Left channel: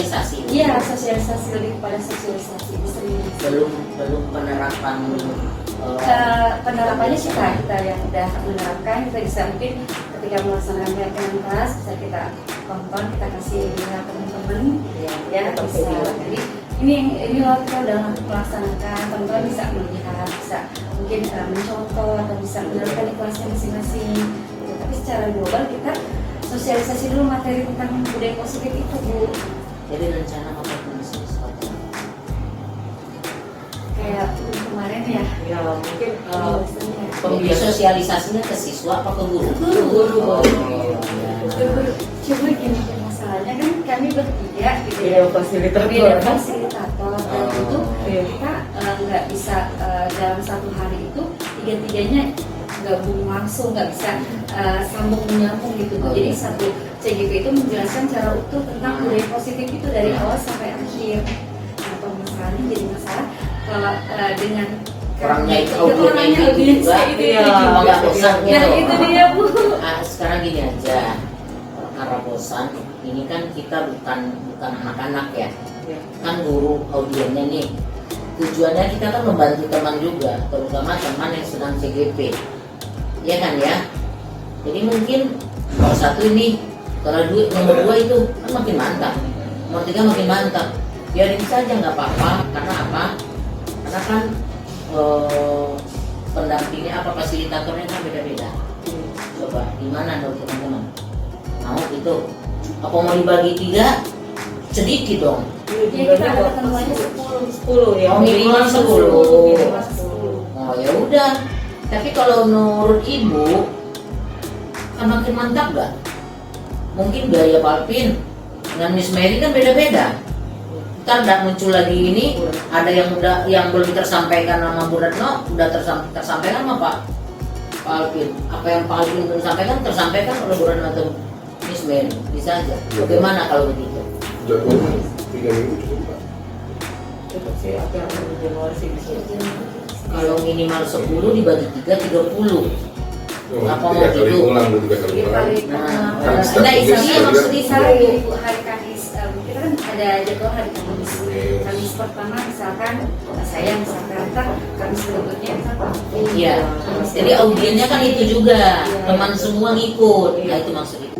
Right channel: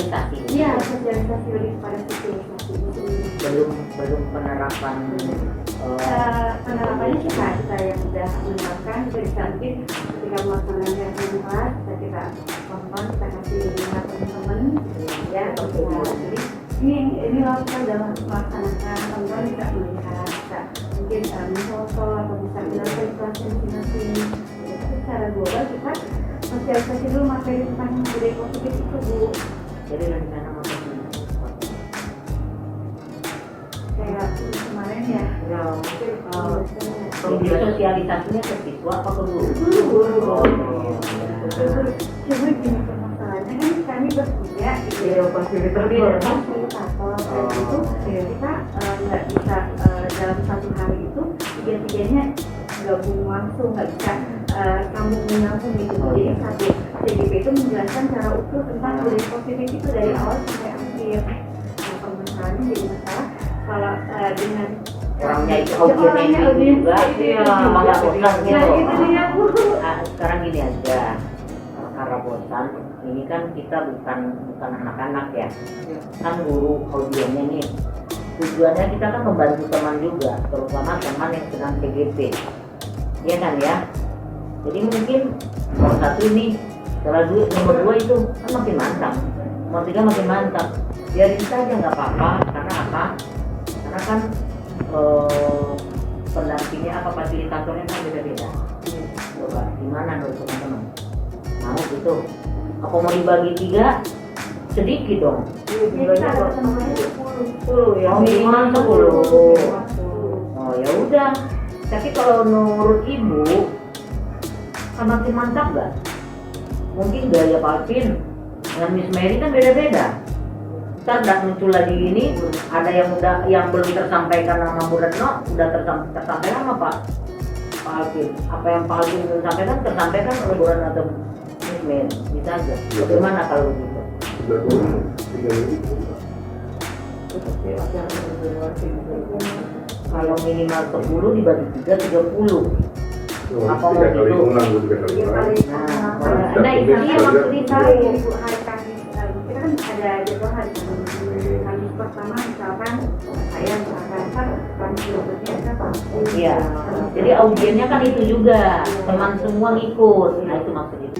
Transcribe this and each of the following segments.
sosialisasi. Iya, sosialisasi, lebih kepada sosialisasi. Belum penerapan. Penerapannya kita yang udah menerapkan, kita bisa mungkin ketika melaksanakan kegiatan kelas bisa kita tonton, kita kasih lihat teman-teman, ya bisa. Jadi ini loh kita udah melaksanakan, teman-teman bisa melihat, bisa mungkin mencontoh atau bisa menerapkan di kelasnya masing-masing. Ya, tapi secara global kita sosialisasi dulu materi tentang budaya positif itu, Bu. Jadi rencana apa kayak kemarin ya mungkin pembeli sosialisasinya ke siswa apa ke guru? Guru. Cuma gini masalahnya kan kami bertiga gitu ya, fasilitator dan itu kita nggak bisa dalam satu hari itu tiga-tiganya gabung langsung, nggak bisa sambung menyambung gitu. Jadi satu CGP itu menjelaskan secara utuh tentang budaya positif itu dari awal sampai akhir. Nah, permasalahannya jadi masalah kalau dengan orangnya itu audiensnya itu juga nggak bosan gitu. Nah itu dia, Bu. Sekarang gini aja, karena bosan ini kan kita bukan anak-anak ya, kan guru audiennya nih. Tujuannya kita kan membantu teman juga, terutama teman yang sedang CGP, ya kan ya. Jadi mungkin nomor satu ini, kalau nomor dua itu kan makin mantap, nomor tiga makin mantap. Biarin saja nggak apa-apa, karena apa? Karena kan pendampingnya apa fasilitatornya kan beda-beda. Coba gimana menurut teman-teman? Mau gitu? Apa mau dibagi 3? Sedikit dong. Kita ada temannya 10 ya. Oh, minimal 10. 10. Oh ya udah. Tapi kalau menurut Ibu kan makin mantap gak? Mungkin gaya Palpin dengan Miss Mary kan beda-beda. Ntar udah muncul lagi ini, ada yang belum tersampaikan sama Bu Retno, udah tersampaikan sama Pak Alvin. Apa yang Pak Alvin belum sampaikan tersampaikan oleh Bu Retno atau Miss Mary, bisa aja. Bagaimana kalau begitu? Jadwalnya 3 minggu cukup. Kalau minimal 10 dibagi 3, 30. Apa mau gitu? Ulang 3 kali ulang. Nah, isinya maksudnya Misalnya Ibu hari Kamis, kita kan ada jadwal hari Kamis. Kamis pertama misalkan saya misalkan Kamis berikutnya kita iya. Jadi audiennya kan itu juga, teman semua ngikut. Nah itu maksudnya.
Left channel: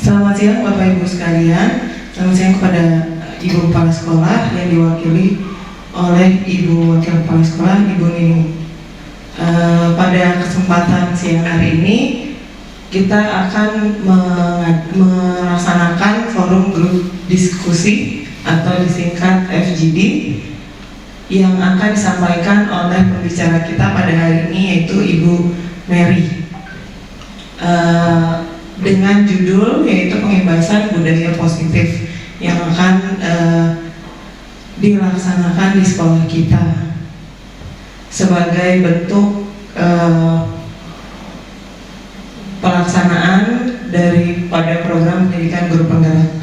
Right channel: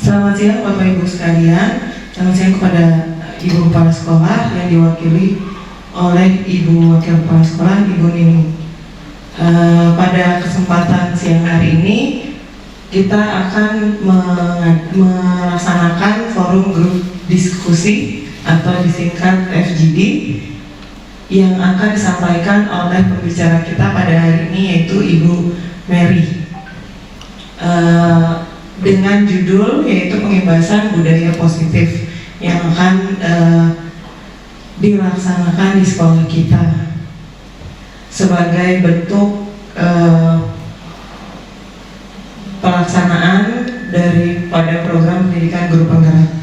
Selamat siang Bapak Ibu sekalian. Selamat siang kepada Ibu Kepala Sekolah yang diwakili oleh Ibu Wakil Kepala Sekolah Ibu Nining. Pada kesempatan siang hari ini kita akan melaksanakan forum grup diskusi atau disingkat FGD yang akan disampaikan oleh pembicara kita pada hari ini yaitu Ibu Mary. Dengan judul yaitu pengibasan budaya positif yang akan dilaksanakan di sekolah kita sebagai bentuk pelaksanaan daripada program pendidikan guru penggerak.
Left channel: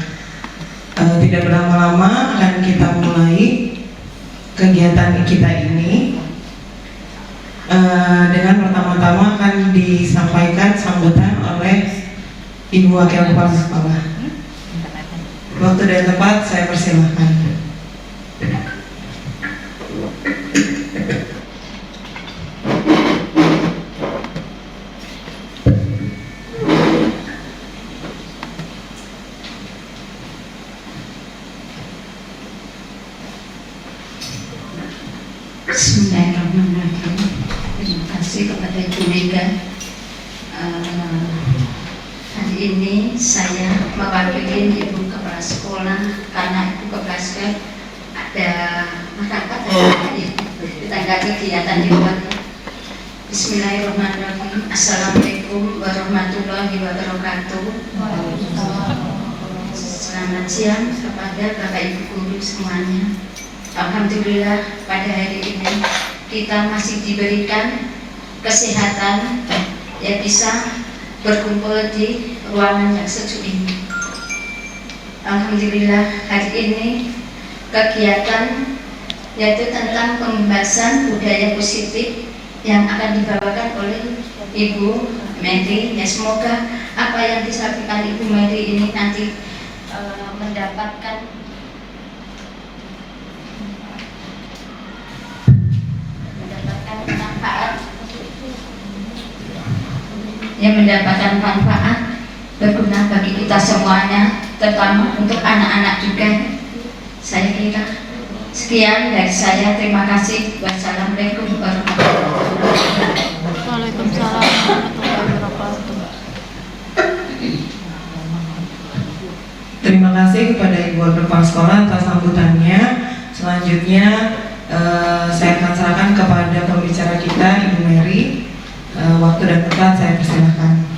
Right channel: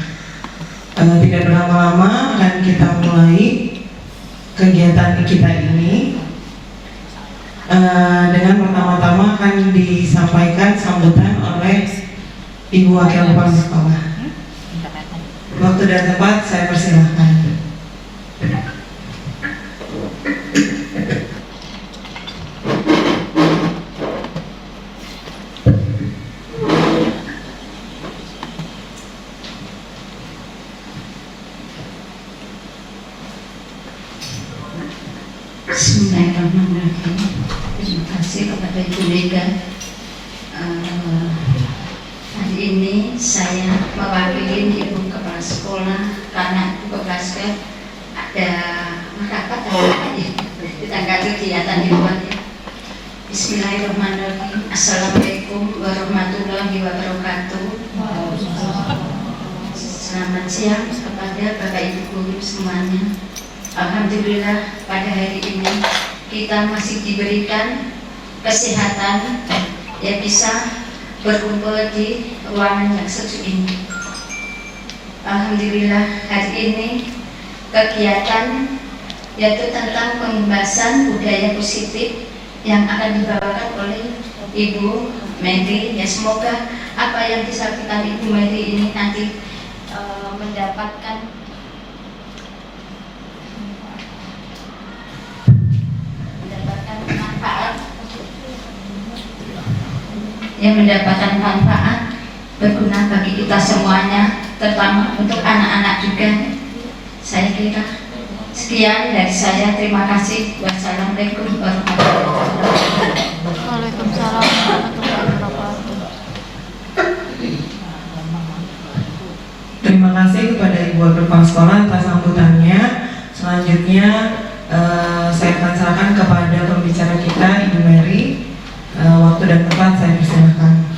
Tidak berlama-lama akan kita mulai kegiatan kita ini. Dengan pertama-tama akan disampaikan sambutan oleh Ibu Wakil Kepala Sekolah. Waktu dan tempat saya persilahkan. Bismillahirrahmanirrahim. Terima kasih kepada Ibu Mega. Hari ini saya mewakili Ibu Kepala Sekolah karena Ibu Kepala Sekolah ada masyarakat ditanggapi kegiatan di luar. Bismillahirrahmanirrahim. Assalamualaikum warahmatullahi wabarakatuh. Selamat siang kepada Bapak Ibu guru semuanya. Alhamdulillah pada hari ini kita masih diberikan kesehatan yang bisa berkumpul di ruangan yang sejuk ini. Alhamdulillah hari ini kegiatan yaitu tentang pembahasan budaya positif yang akan dibawakan oleh Ibu Mary. Ya, semoga apa yang disampaikan Ibu Mary ini nanti mendapatkan manfaat berguna bagi kita semuanya, terutama untuk anak-anak juga. Saya kira sekian dari saya. Terima kasih. Wassalamualaikum warahmatullahi wabarakatuh. Waalaikumsalam warahmatullahi wabarakatuh. Terima kasih kepada Ibu Wakil Kepala Sekolah atas sambutannya. Selanjutnya saya akan serahkan kepada pembicara kita, Ibu Mary. Waktu dan tempat saya persilahkan.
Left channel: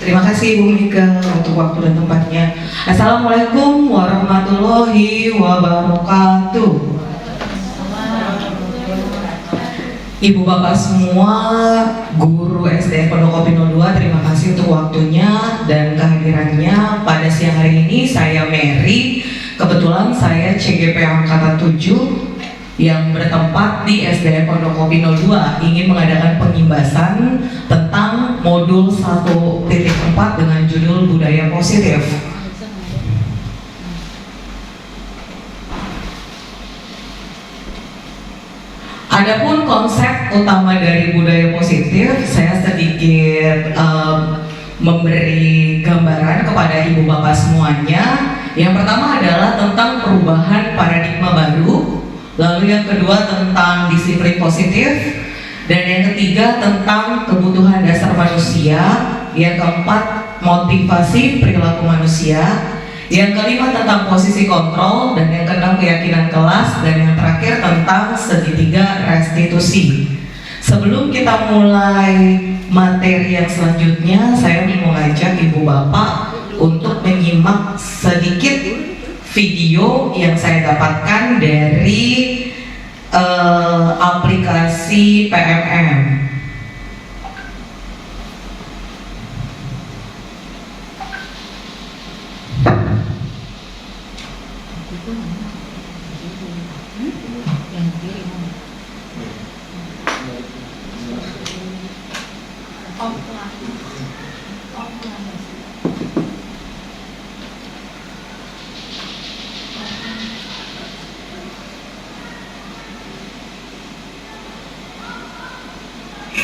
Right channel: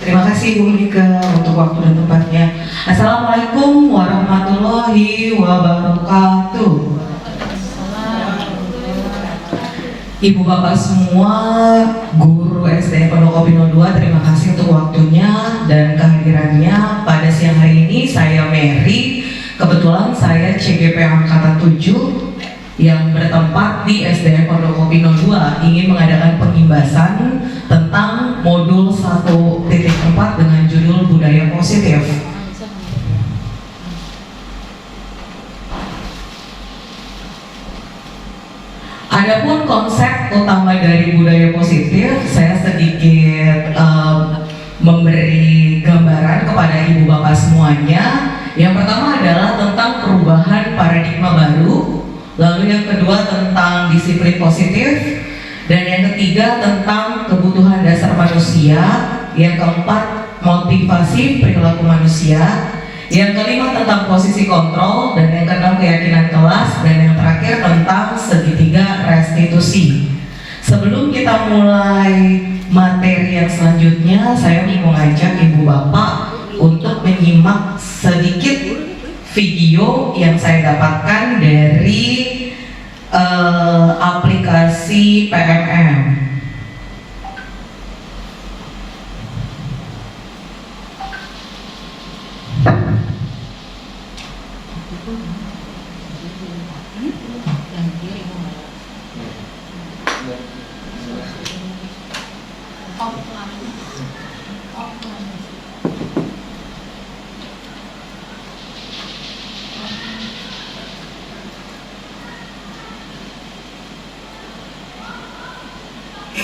Terima kasih Ibu Mika untuk waktu dan tempatnya. Assalamualaikum warahmatullahi wabarakatuh. Ibu bapak semua, guru SD Pondok Kopi 02, terima kasih untuk waktunya dan kehadirannya pada siang hari ini. Saya Mary, kebetulan saya CGP Angkatan 7 yang bertempat di SDN Pondok Kopi 02 ingin mengadakan pengimbasan tentang modul 1.4 dengan judul budaya positif. Adapun konsep utama dari budaya positif, saya sedikit memberi gambaran kepada ibu bapak semuanya. Yang pertama adalah tentang perubahan paradigma baru, lalu yang kedua tentang disiplin positif, dan yang ketiga tentang kebutuhan dasar manusia, yang keempat motivasi perilaku manusia, yang kelima tentang posisi kontrol, dan yang keenam keyakinan kelas, dan yang terakhir tentang segitiga restitusi. Sebelum kita mulai materi yang selanjutnya, saya mau mengajak ibu bapak untuk menyimak sedikit video yang saya dapatkan dari aplikasi PMM.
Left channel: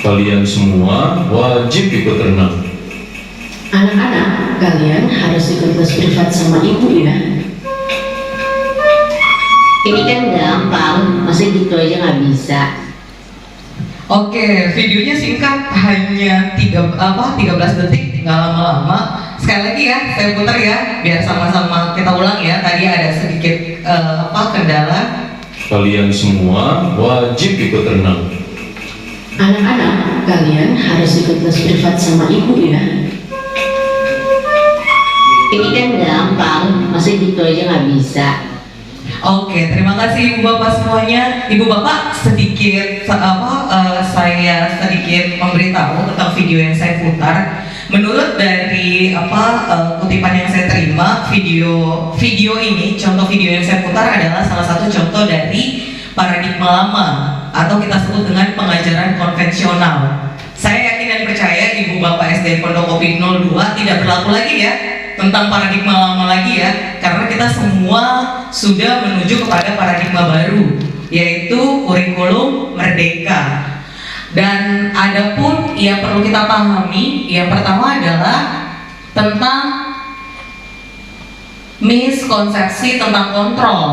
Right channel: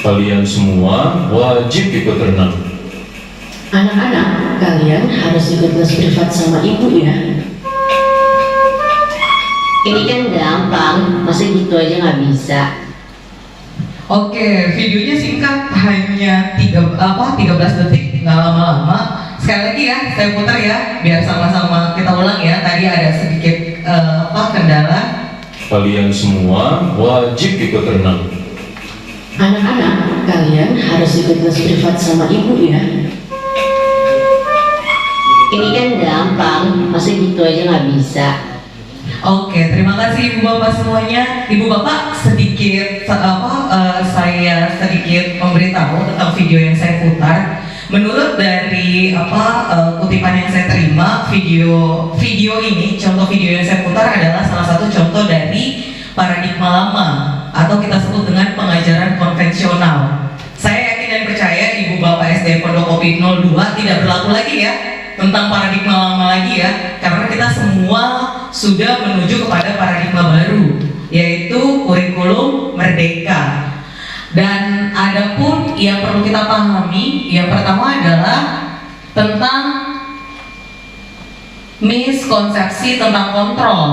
Kalian semua wajib ikut renang. Anak-anak, kalian harus ikut les privat sama ibu ya. Ini kan gampang, masa gitu aja nggak bisa. Oke, videonya singkat, hanya 13 detik, nggak lama-lama. Sekali lagi ya, saya putar ya, biar sama-sama kita ulang ya. Tadi ada sedikit kendala. Kalian semua wajib ikut renang. Anak-anak, kalian harus ikut les privat sama ibu ya. Ini kan gampang, masa gitu aja nggak bisa. Oke, terima kasih ibu bapak semuanya. Ibu bapak sedikit saya sedikit memberitahu tentang video yang saya putar. Menurut dari kutipan yang saya terima, video ini, contoh video yang saya putar adalah salah satu contoh dari paradigma lama atau kita sebut dengan pengajaran konvensional. Saya yakin dan percaya ibu bapak SD Pondok Kopi 02 tidak berlaku lagi ya tentang paradigma lama lagi ya, karena kita semua sudah menuju kepada paradigma baru, yaitu kurikulum merdeka. Dan adapun yang perlu kita pahami, yang pertama adalah tentang miskonsepsi tentang kontrol.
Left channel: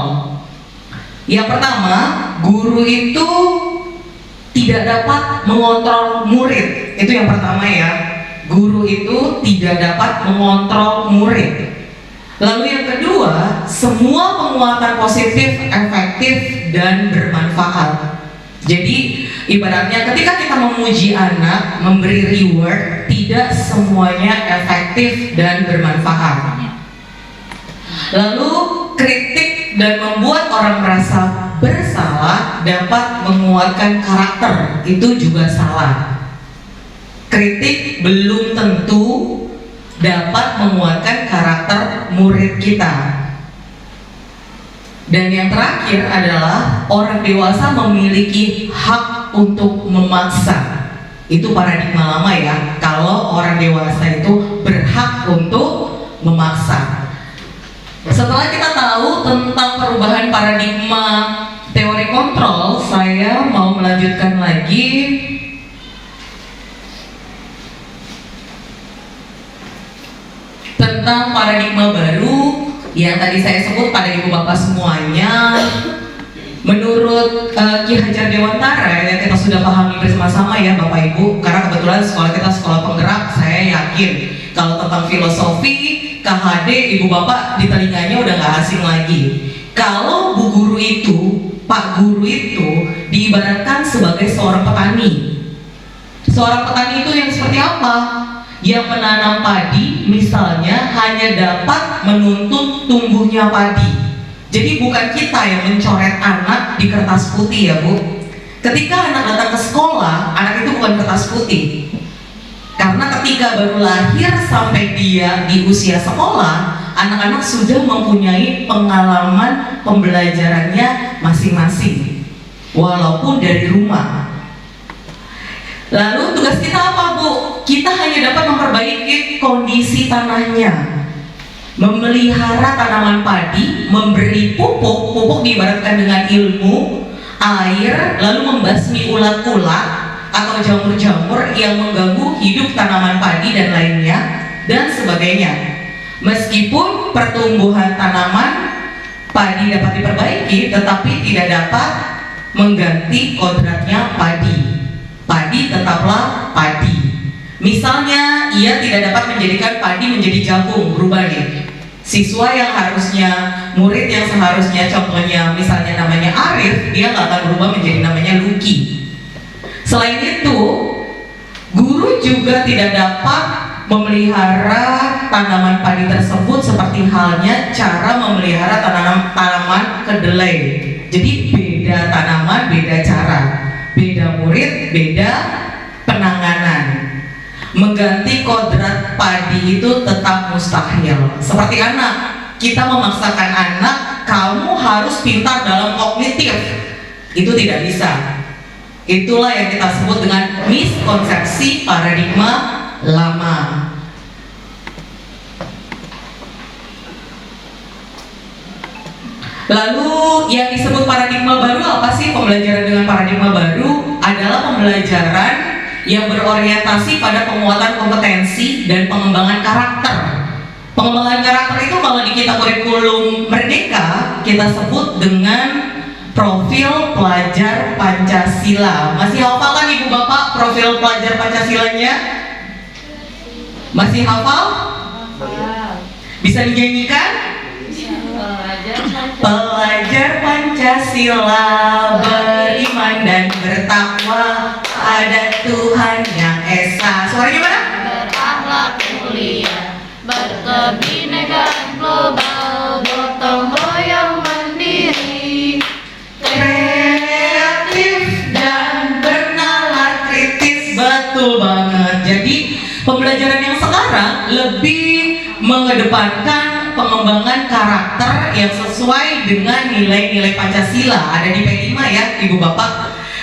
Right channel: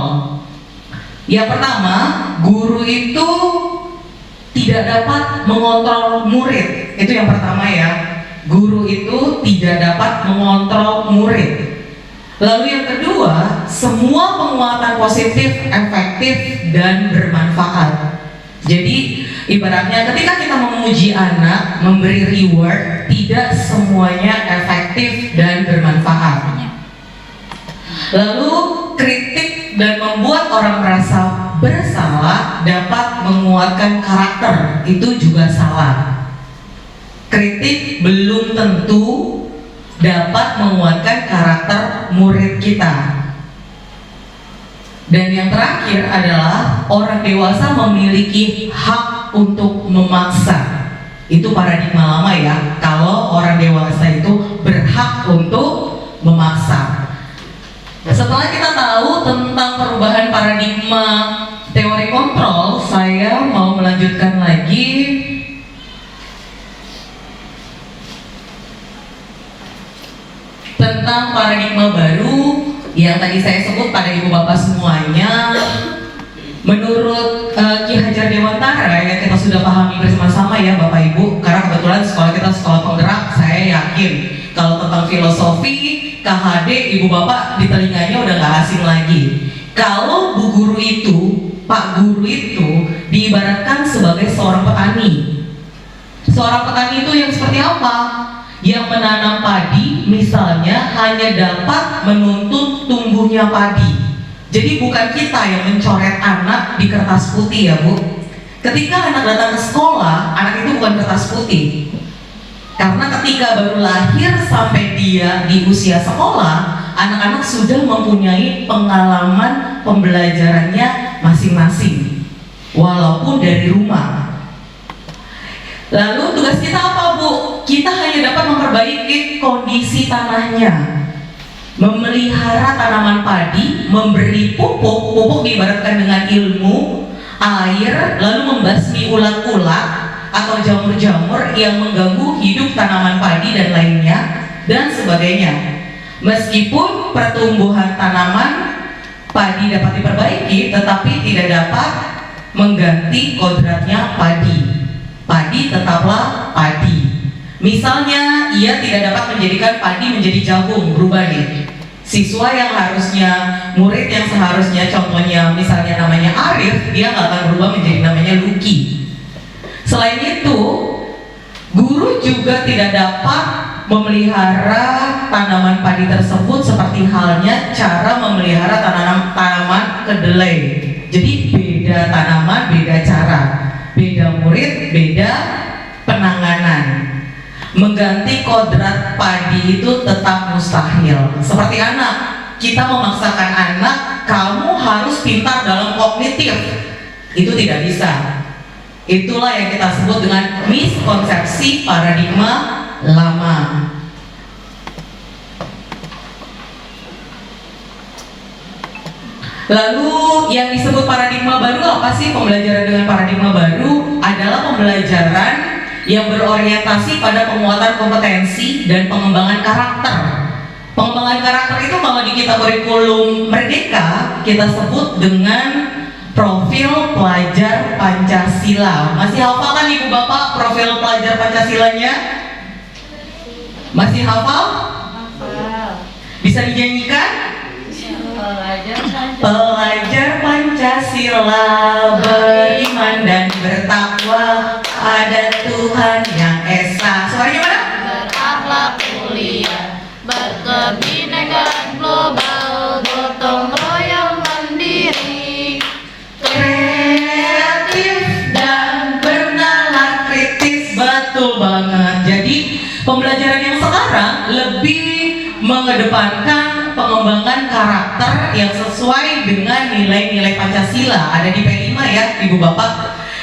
Yang pertama, guru itu tidak dapat mengontrol murid. Itu yang pertama ya. Guru itu tidak dapat mengontrol murid. Lalu yang kedua, semua penguatan positif efektif dan bermanfaat. Jadi ibaratnya ketika kita memuji anak, memberi reward, tidak semuanya efektif dan bermanfaat. Lalu kritik dan membuat orang merasa bersalah dapat menguatkan karakter, itu juga salah. Kritik belum tentu dapat menguatkan karakter murid kita. Dan yang terakhir adalah orang dewasa memiliki hak untuk memaksa. Itu paradigma lama ya, kalau orang dewasa itu berhak untuk memaksa. Setelah kita tahu tentang perubahan paradigma teori kontrol, saya mau melanjutkan lagi tentang paradigma baru yang tadi saya sebut pada ibu bapak semuanya. Menurut Ki Hajar Dewantara yang kita sudah pahami bersama-sama ya Bapak Ibu, karena kebetulan sekolah kita sekolah penggerak, saya yakin kalau tentang filosofi, KHD, ibu bapak di telinganya udah gak asing lagi. Kalau bu guru itu, pak guru itu diibaratkan sebagai seorang petani. Seorang petani itu yang seperti apa? Yang menanam padi misalnya hanya dapat menuntut tumbuhnya padi. Jadi bukan kita yang mencoret anak di kertas putih ya Bu. Ketika anak datang ke sekolah, anak itu bukan kertas putih. Karena ketika baru lahir sampai dia di usia sekolah, anak-anak sudah mempunyai pengalaman pembelajarannya masing-masing, walaupun dari rumah. Lalu tugas kita apa Bu? Kita hanya dapat memperbaiki kondisi tanahnya, memelihara tanaman padi, memberi pupuk. Pupuk diibaratkan dengan ilmu, air, lalu membasmi ulat-ulat atau jamur-jamur yang mengganggu hidup tanaman padi dan lainnya, dan sebagainya. Meskipun pertumbuhan tanaman padi dapat diperbaiki, tetapi tidak dapat mengganti kodratnya padi. Padi tetaplah padi. Misalnya, ia tidak dapat menjadikan padi menjadi jagung, berubah nih. Siswa yang harusnya, murid yang seharusnya contohnya misalnya namanya Arif, dia nggak akan berubah menjadi namanya Lucky. Selain itu, guru juga tidak dapat memelihara tanaman padi tersebut seperti halnya cara memelihara tanaman kedelai. Jadi beda tanaman, beda cara, beda murid, beda penanganan. Mengganti kodrat padi itu tetap mustahil. Seperti anak, kita memaksakan anak, kamu harus pintar dalam kognitif. Itu tidak bisa. Itulah yang kita sebut dengan miskonsepsi paradigma lama. Lalu yang disebut paradigma baru apa sih? Pembelajaran dengan paradigma baru adalah pembelajaran yang berorientasi pada penguatan kompetensi dan pengembangan karakter. Pengembangan karakter itu kalau di kitab kurikulum Merdeka kita sebut dengan profil pelajar Pancasila. Masih hafal kan Ibu Bapak profil pelajar Pancasilanya? Masih hafal? Bisa dinyanyikan? Pelajar Pancasila beriman dan bertakwa pada Tuhan yang Esa. Suaranya mana? Berakhlak mulia, berkebinekaan global, gotong royong mandiri, kreatif dan bernalar kritis. Betul banget. Jadi pembelajaran yang sekarang lebih mengedepankan pengembangan karakter yang sesuai dengan nilai-nilai Pancasila. Ada di P5 ya Ibu Bapak.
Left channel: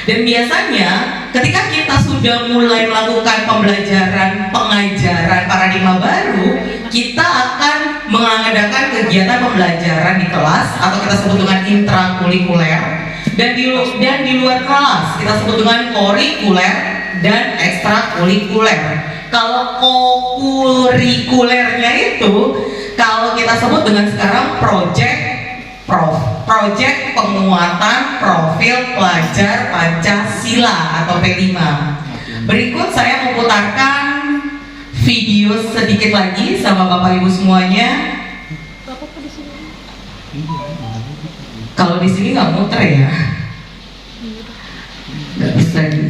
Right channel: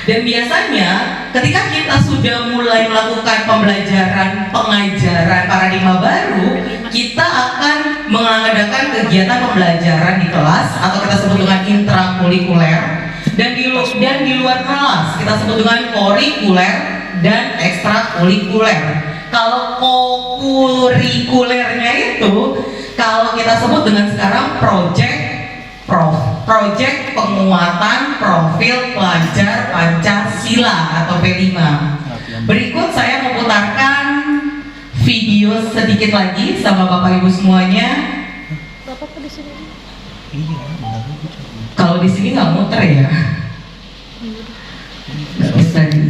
Dan biasanya ketika kita sudah mulai melakukan pembelajaran pengajaran paradigma baru, kita akan mengadakan kegiatan pembelajaran di kelas atau kita sebut dengan intrakurikuler, dan di luar kelas kita sebut dengan kurikuler dan ekstrakurikuler. Kalau kurikulernya itu kalau kita sebut dengan sekarang project penguatan profil pelajar Pancasila atau P5. Berikut saya memutarkan video sedikit lagi sama Bapak Ibu semuanya. Kalau di sini nggak muter ya? Nggak bisa di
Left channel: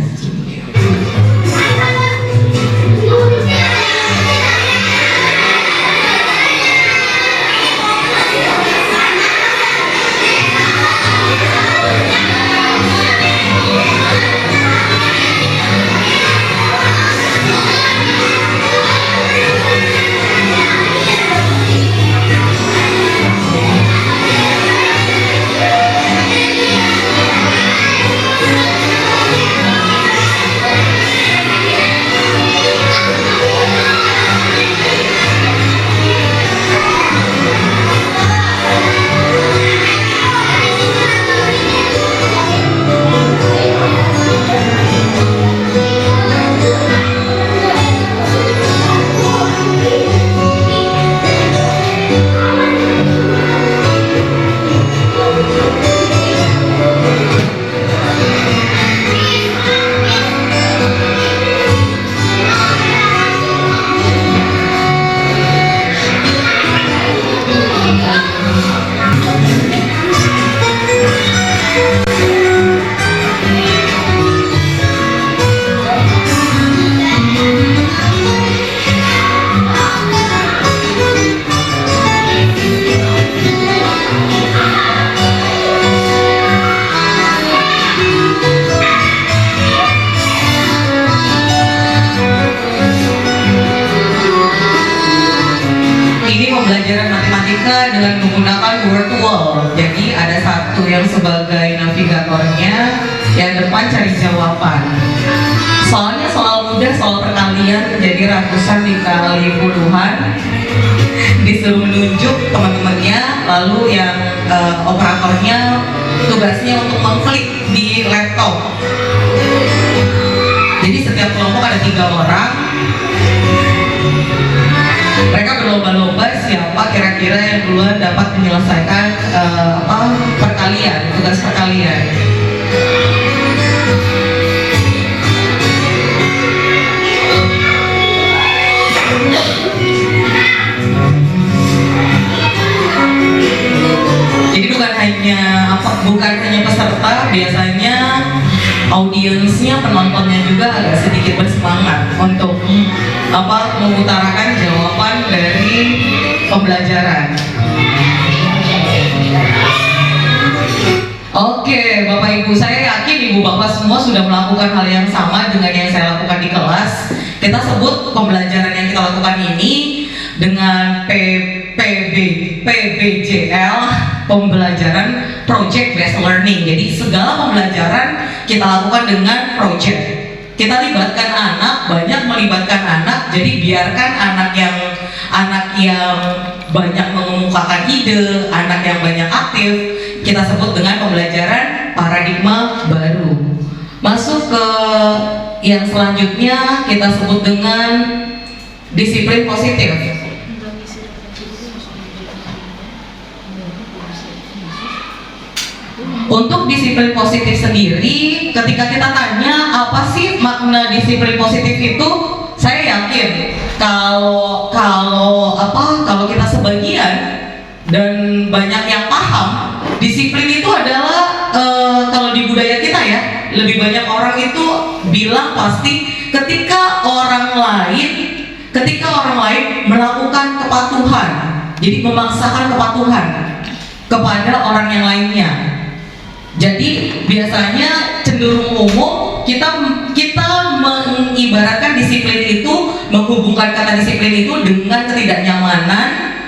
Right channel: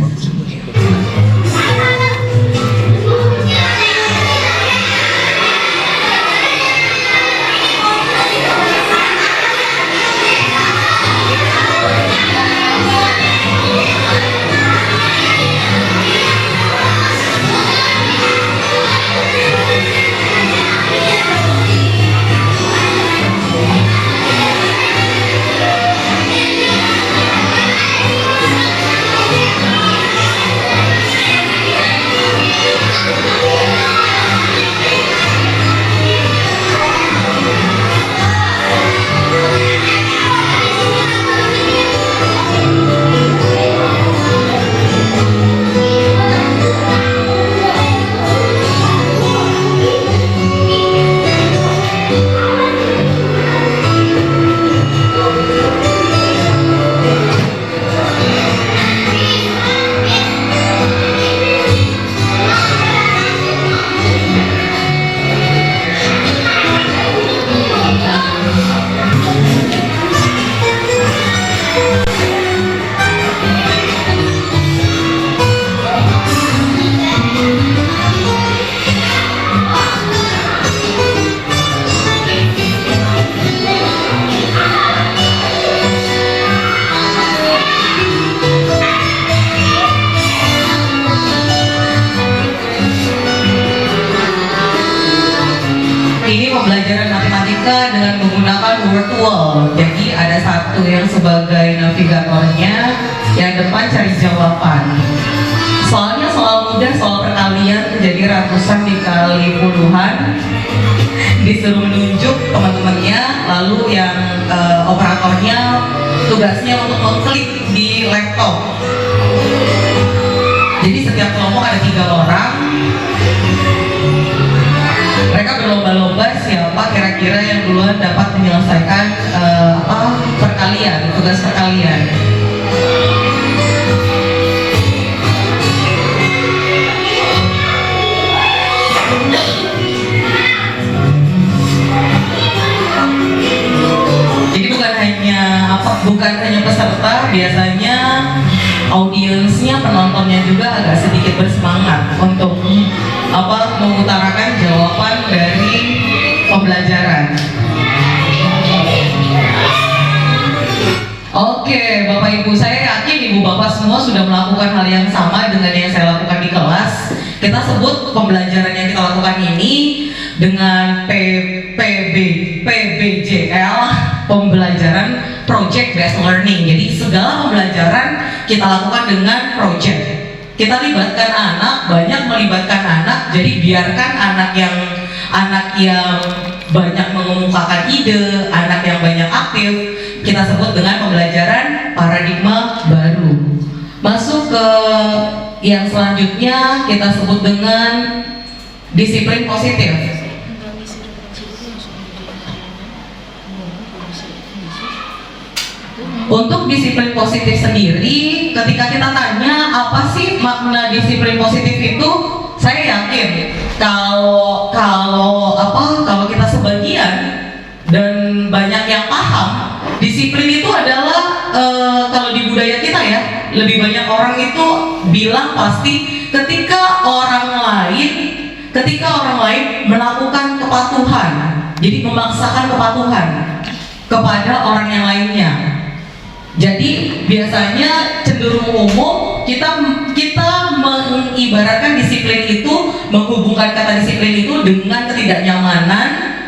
sebagai navigatornya, yang depan cari jawaban. Soalnya soal mudah, soal perkalian jadi ratusan dikali puluhan, disuruh nunjuk teman-temannya, lalu yang operatornya tugasnya untuk mengklik di laptop. Jadi setiap kelompok ada 3 orang. Mereka berlomba-lomba siapa kira-kira yang duluan dapat menyelesaikan perkalian, tugas perkalian. Jadi bukan hanya peserta, biasanya audiensnya, penontonnya juga agak sedikit bersemangat untuk mengutarakan jawaban dari pembelajaran. Oke, Bapak Ibu, saya yakin Ibu Bapak semua sudah melakukan hal yang sama dengan yang saya lakukan di kelas. Kita sebut pembelajaran yang kita lakukan ini dengan PBJL, pembelajaran Project Based Learning. Jadi segala pembelajaran kita lakukan dengan project. Kita libatkan anak, banyak melibatkan anak. Jadi biarkan anak yang banyak mengemukakan ide, anak yang banyak aktif, kita sebut dengan pembelajaran paradigma baru. Masuk ke yang selanjutnya, kita sebut dengan disiplin positif. Untuk disiplin positif sendiri, ketika kita tanya apa sih makna disiplin positif itu, saya yakin kalau kita sebagian dan banyak yang paham, disiplin itu adalah kalau di budaya kita ya, lebih banyak orang itu bilang pasti ketika orang lain melakukan kepatuhan, jadi memaksakan kepatuhan kepada orang yang lainnya. Jadi biasanya cenderung umum kita mengibaratkan disiplin itu, menghubungkan kata disiplin itu dengan ketidaknyamanan,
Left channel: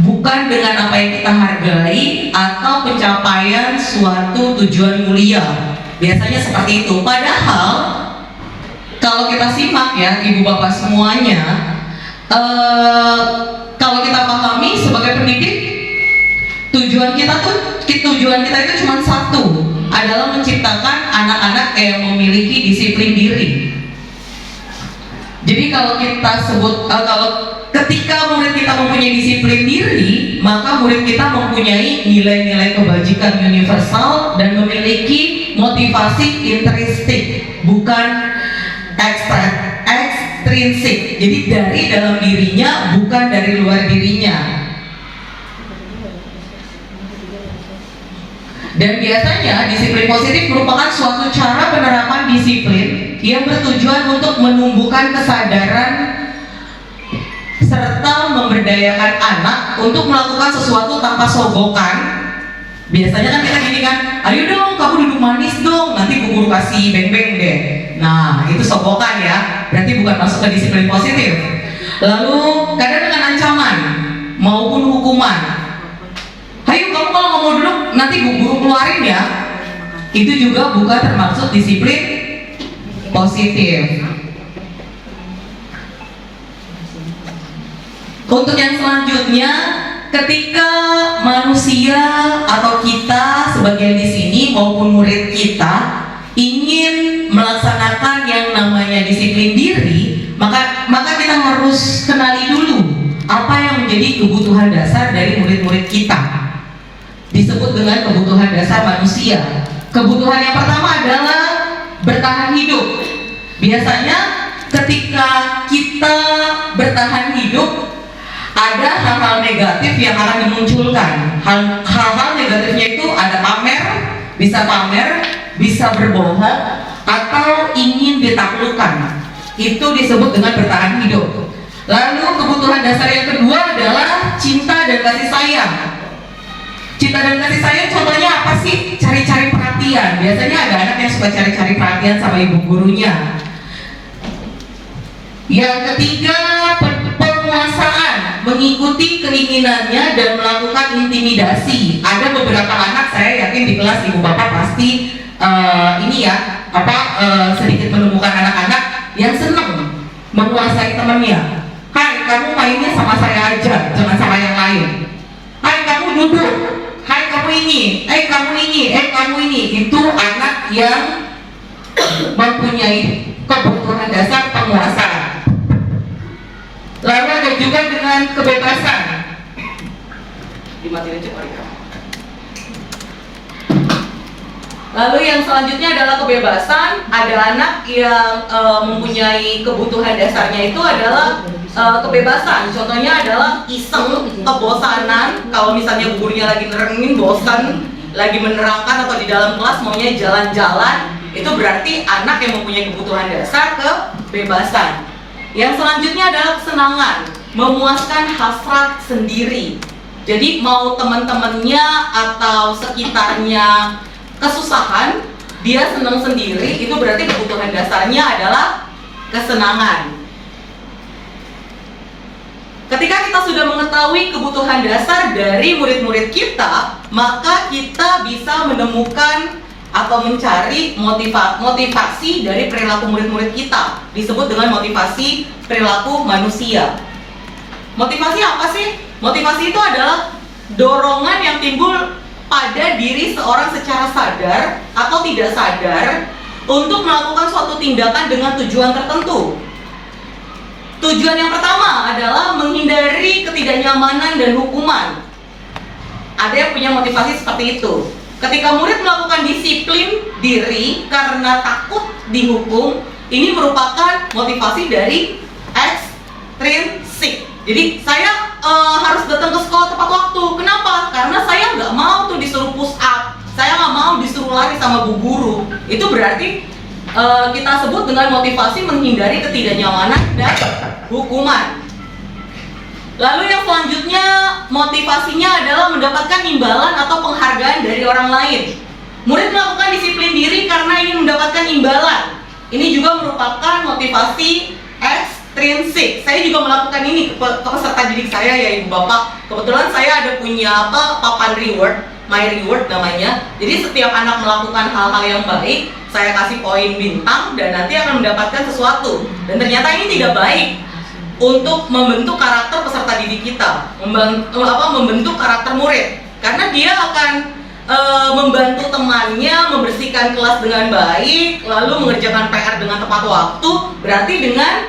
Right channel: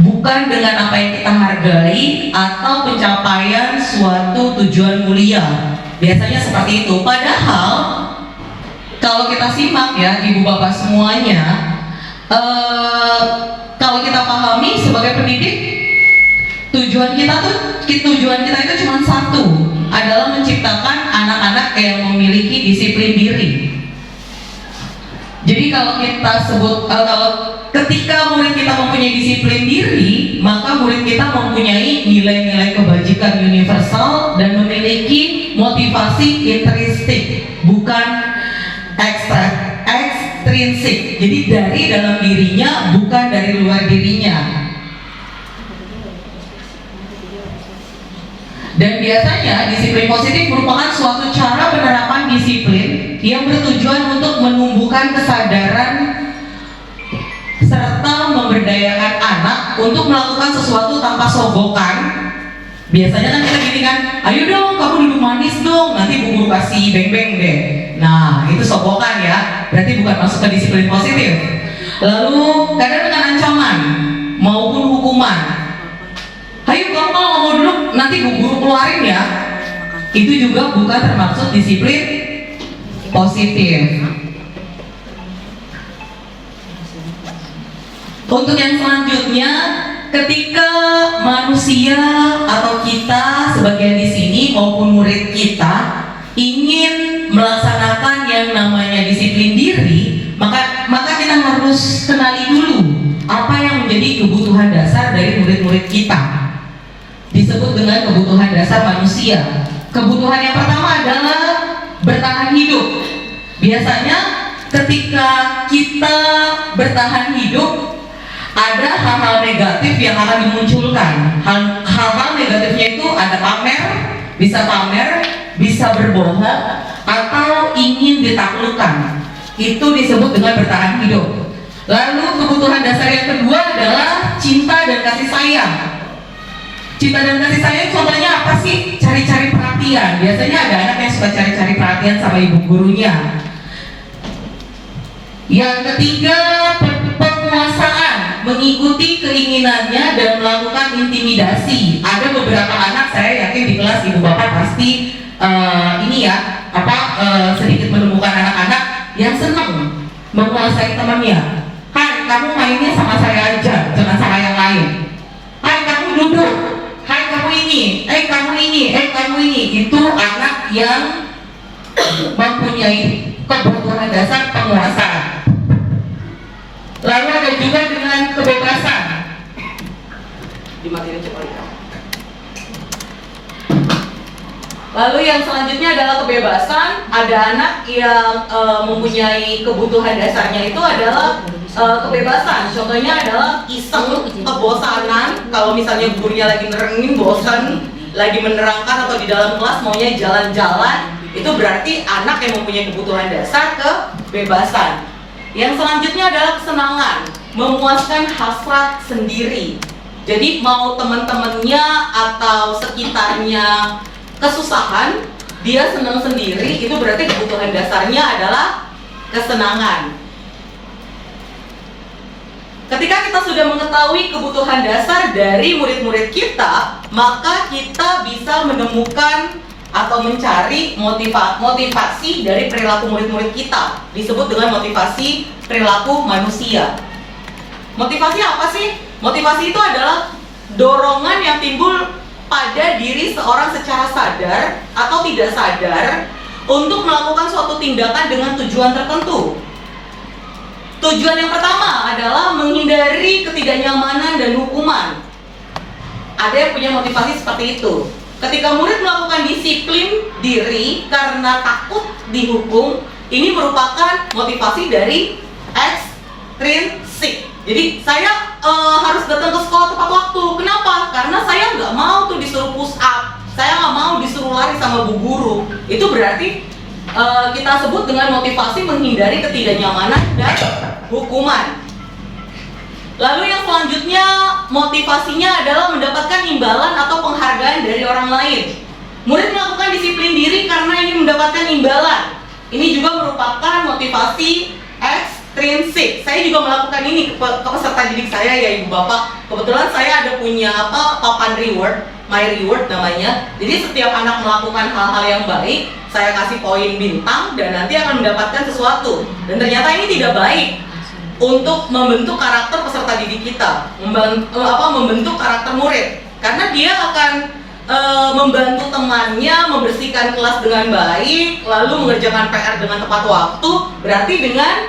bukan dengan apa yang kita hargai atau pencapaian suatu tujuan mulia. Biasanya seperti itu. Padahal kalau kita simak ya Ibu Bapak semuanya, kalau kita pahami sebagai pendidik, tujuan kita itu cuma satu, adalah menciptakan anak-anak yang memiliki disiplin diri. Jadi kalau kita sebut, ketika murid kita mempunyai disiplin diri, maka murid kita mempunyai nilai-nilai kebajikan universal dan memiliki motivasi intrinsik, bukan ekstrinsik. Jadi dari dalam dirinya, bukan dari luar dirinya. Dan biasanya disiplin positif merupakan suatu cara penerapan disiplin yang bertujuan untuk menumbuhkan kesadaran serta memberdayakan anak untuk melakukan sesuatu tanpa sogokan. Biasanya kan kita gini kan, ayo dong kamu duduk manis dong, nanti bu guru kasih beng-beng deh. Nah itu sogokan ya, berarti bukan masuk ke disiplin positif. Lalu kadang dengan ancaman maupun hukuman. Ayo kamu kalau nggak mau duduk nanti bu guru keluarin ya. Itu juga bukan termasuk disiplin positif. Untuk yang selanjutnya, ketika manusia atau kita sebagian di sini maupun murid kita ingin melaksanakan yang namanya disiplin diri, maka kita harus kenali dulu apa yang menjadi kebutuhan dasar dari murid-murid kita. Disebut dengan kebutuhan dasar manusia. Kebutuhan yang pertama adalah bertahan hidup. Biasanya ketika kita bertahan hidup, ada hal-hal negatif yang akan dimunculkan. Hal-hal negatifnya itu ada pamer, bisa berbohong, atau ingin ditaklukkan. Itu disebut dengan bertahan hidup. Lalu kebutuhan dasar yang kedua adalah cinta dan kasih sayang. Cinta dan kasih sayang contohnya apa sih? Cari-cari perhatian. Biasanya ada anak yang suka cari-cari perhatian sama ibu gurunya. Yang ketiga, penguasaan. mengikuti keinginannya dan melakukan intimidasi. Ada beberapa anak, saya yakin di kelas ibu bapak pasti sedikit menemukan anak-anak yang senang menguasai temannya. Hai, kamu mainnya sama saya aja, jangan sama yang lain. Hai, kamu duduk. Hai, kamu ini. Kamu ini. Itu anak yang mempunyai kebutuhan dasar penguasa. Lalu ada juga dengan kebebasan. Dimatiin cepat ya. Lalu yang selanjutnya adalah kebebasan. Ada anak yang mempunyai kebutuhan dasarnya itu adalah kebebasan. Contohnya adalah iseng, kebosanan. Kalau misalnya gurunya lagi nerengin, bosan, lagi menerangkan atau di dalam kelas maunya jalan-jalan, itu berarti anak yang mempunyai kebutuhan dasar kebebasan. Yang selanjutnya adalah kesenangan, memuaskan hasrat sendiri. Jadi mau teman-temannya atau sekitarnya kesusahan, dia senang sendiri, itu berarti kebutuhan dasarnya adalah kesenangan. Ketika kita sudah mengetahui kebutuhan dasar dari murid-murid kita, maka kita bisa menemukan atau mencari motivasi dari perilaku murid-murid kita. Disebut dengan motivasi perilaku manusia. Motivasi apa sih? Motivasi itu adalah dorongan yang timbul pada diri seorang secara sadar atau tidak sadar untuk melakukan suatu tindakan dengan tujuan tertentu. Tujuan yang pertama adalah menghindari ketidaknyamanan dan hukuman. Ada yang punya motivasi seperti itu. Ketika murid melakukan disiplin diri karena takut dihukum, ini merupakan motivasi dari ekstrinsik. Jadi saya harus datang ke sekolah tepat waktu. Kenapa? Karena saya nggak mau tuh disuruh push up, saya nggak mau disuruh lari sama bu guru. Itu berarti kita sebut dengan motivasi menghindari ketidaknyamanan dan hukuman. Lalu yang selanjutnya motivasinya adalah mendapatkan imbalan atau penghargaan dari orang lain. Murid melakukan disiplin diri karena ingin mendapatkan imbalan. Ini juga merupakan motivasi ekstrinsik. Saya juga melakukan ini ke peserta didik saya, ya ibu bapak. Kebetulan saya ada punya papan reward, my reward namanya. Jadi setiap anak melakukan hal-hal yang baik, saya kasih poin bintang dan nanti akan mendapatkan sesuatu. Dan ternyata ini tidak baik untuk membentuk karakter peserta didik kita, membentuk karakter murid, karena dia akan membantu temannya membersihkan kelas dengan baik, lalu mengerjakan PR dengan tepat waktu, berarti dengan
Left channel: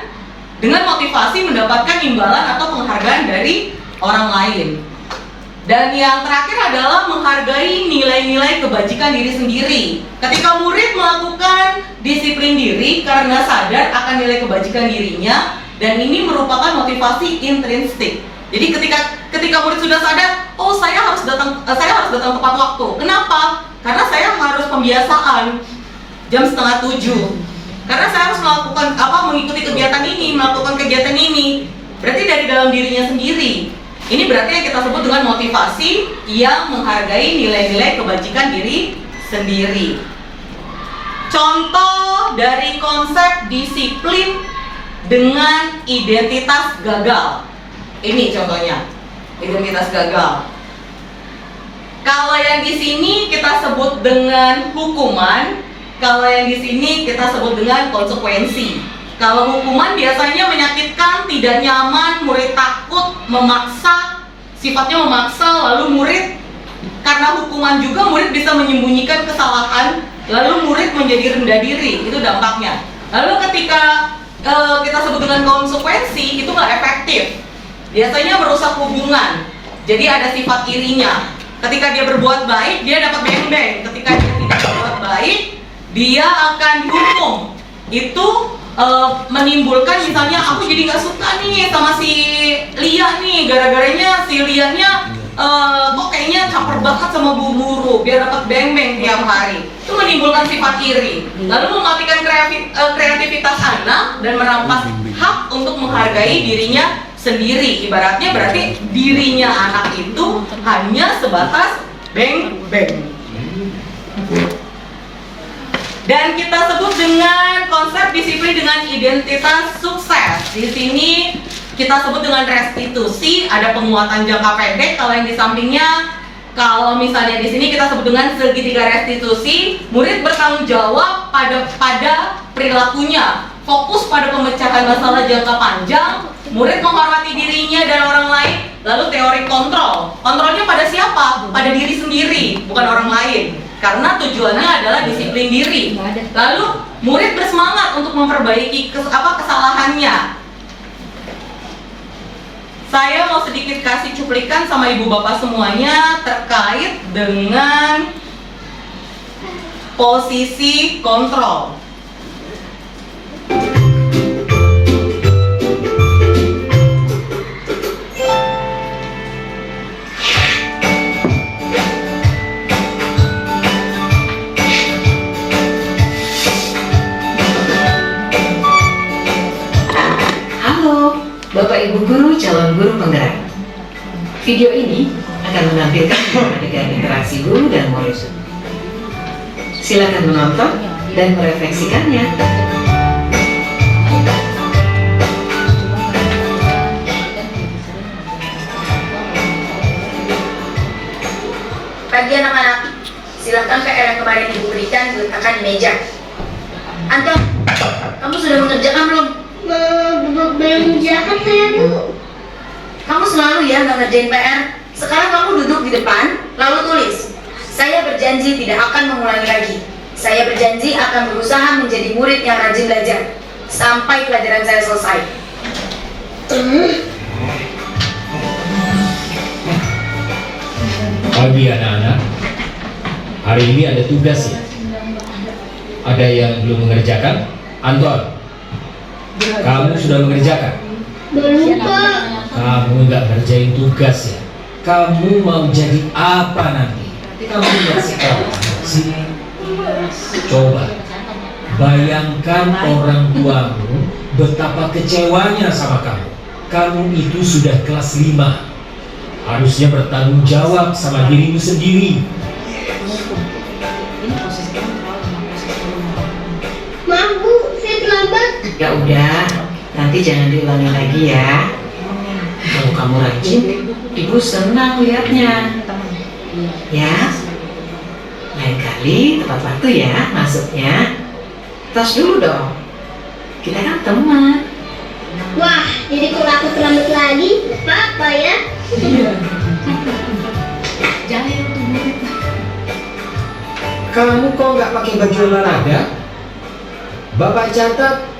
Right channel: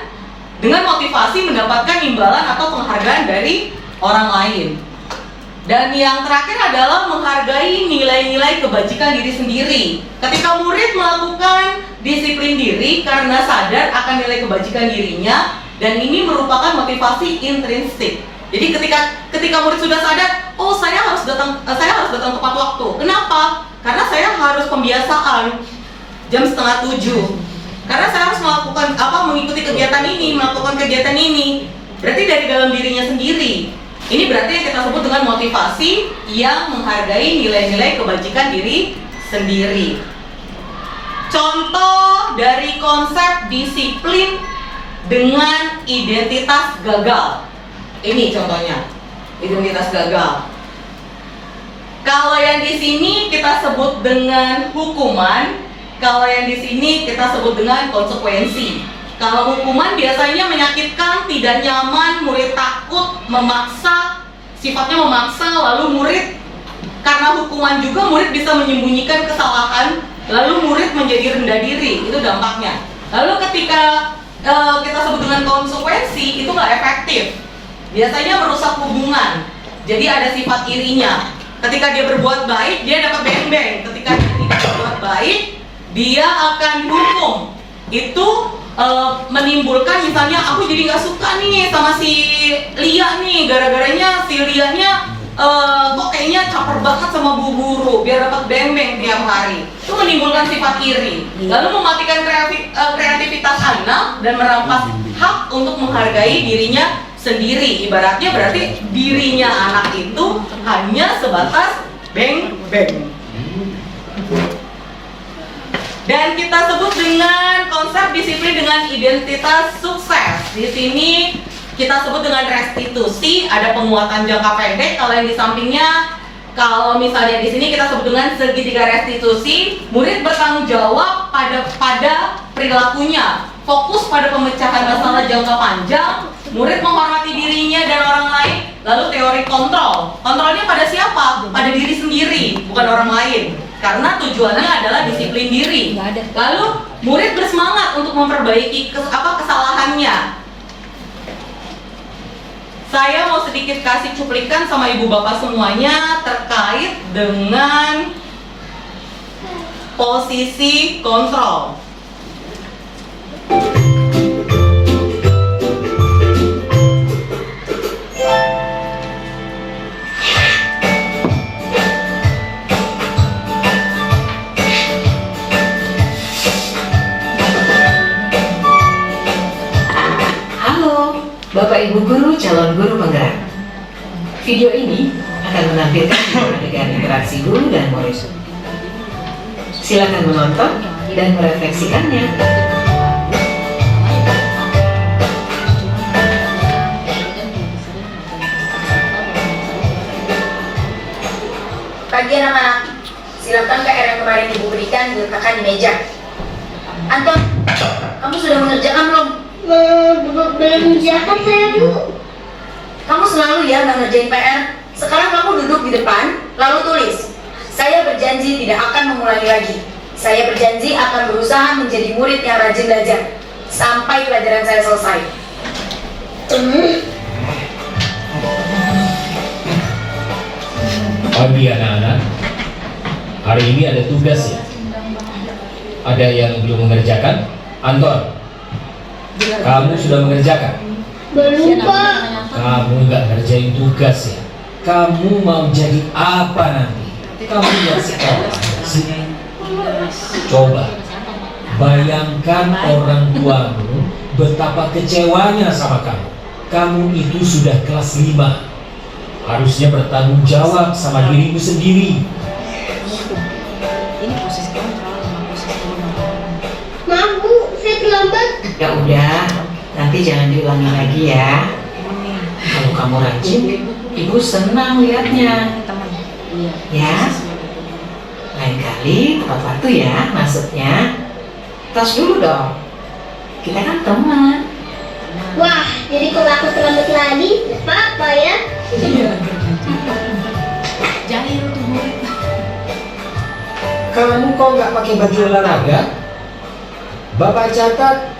motivasi mendapatkan imbalan atau penghargaan dari orang lain. Dan yang terakhir adalah menghargai nilai-nilai kebajikan diri sendiri. Ketika murid melakukan disiplin diri karena sadar akan nilai kebajikan dirinya, dan ini merupakan motivasi intrinsik. Jadi ketika murid sudah sadar, oh saya harus datang tepat waktu. Kenapa? Karena saya harus pembiasaan jam 6:30. Karena saya harus mengikuti kegiatan ini, melakukan kegiatan ini. Berarti dari dalam dirinya sendiri. Ini berarti yang kita sebut dengan motivasi yang menghargai nilai-nilai kebajikan diri sendiri. Contoh dari konsep disiplin dengan identitas gagal. Ini contohnya, identitas gagal. Kalau yang di sini kita sebut dengan hukuman, kalau yang di sini kita sebut dengan konsekuensi. Kalau hukuman biasanya menyakitkan, tidak nyaman, murid takut, memaksa, sifatnya memaksa, lalu murid karena hukuman juga murid bisa menyembunyikan kesalahan, lalu murid menjadi rendah diri, itu dampaknya. Lalu ketika kita sebut dengan konsekuensi, itu nggak efektif. Biasanya merusak hubungan. Jadi ada sifat irinya. Ketika dia berbuat baik, dia dapat beng-beng. Ketika dia tidak berbuat baik, dia akan dihukum. Itu menimbulkan misalnya aku jadi nggak suka nih sama si Lia nih, gara-garanya si Lia-nya kok kayaknya caper banget sama bu guru biar dapat beng-beng tiap hari. Itu menimbulkan sifat iri, lalu mematikan kreativitas anak dan merampas hak untuk menghargai dirinya sendiri. Ibaratnya berarti dirinya anak itu hanya sebatas beng-beng. Dan kita sebut dengan konsep disiplin dengan identitas sukses. Di sini kita sebut dengan restitusi. Ada penguatan jangka pendek. Kalau yang di sampingnya, kalau misalnya di sini kita sebut dengan segitiga restitusi. Murid bertanggung jawab pada perilakunya, fokus pada pemecahan masalah jangka panjang. Murid menghormati dirinya dan orang lain. Lalu teori kontrol. Kontrolnya pada siapa? Pada diri sendiri, bukan orang lain. Karena tujuannya adalah disiplin diri. Lalu murid bersemangat untuk memperbaiki kesalahannya. Saya mau sedikit kasih cuplikan sama ibu bapak semuanya terkait dengan posisi kontrol. Bapak Ibu Guru calon guru penggerak. Video ini akan menampilkan adegan interaksi guru dan murid. Silakan menonton dan merefleksikannya. Pagi anak-anak, silakan PR yang kemarin ibu berikan diletakkan di meja. Anton, kamu sudah mengerjakan belum? Belum mengerjakan saya, Bu. Kamu selalu ya nggak ngerjain PR. Sekarang kamu duduk di depan, lalu tulis. Saya berjanji tidak akan mengulangi lagi. Saya berjanji akan berusaha menjadi murid yang rajin belajar sampai pelajaran saya selesai. Pagi anak-anak, hari ini ada tugas ya. Ada yang belum mengerjakan? Anton, kamu sudah mengerjakan? Belum, Pak. Kamu nggak ngerjain tugas ya? Kamu mau jadi apa nanti? Kamu nggak sekolah sih? Coba bayangkan orang tuamu betapa kecewanya sama kamu. Kamu itu sudah kelas 5. Harusnya bertanggung jawab sama dirimu sendiri. Maaf, Bu, saya terlambat. Ya udah, nanti jangan diulangi lagi ya. Kalau kamu rajin, Ibu senang lihatnya. Ya, lain kali tepat waktu ya masuknya. Tas dulu dong. Kita kan teman. Wah, jadi kalau aku terlambat lagi, apa ya? Kamu kok nggak pakai baju olahraga? Bapak catat,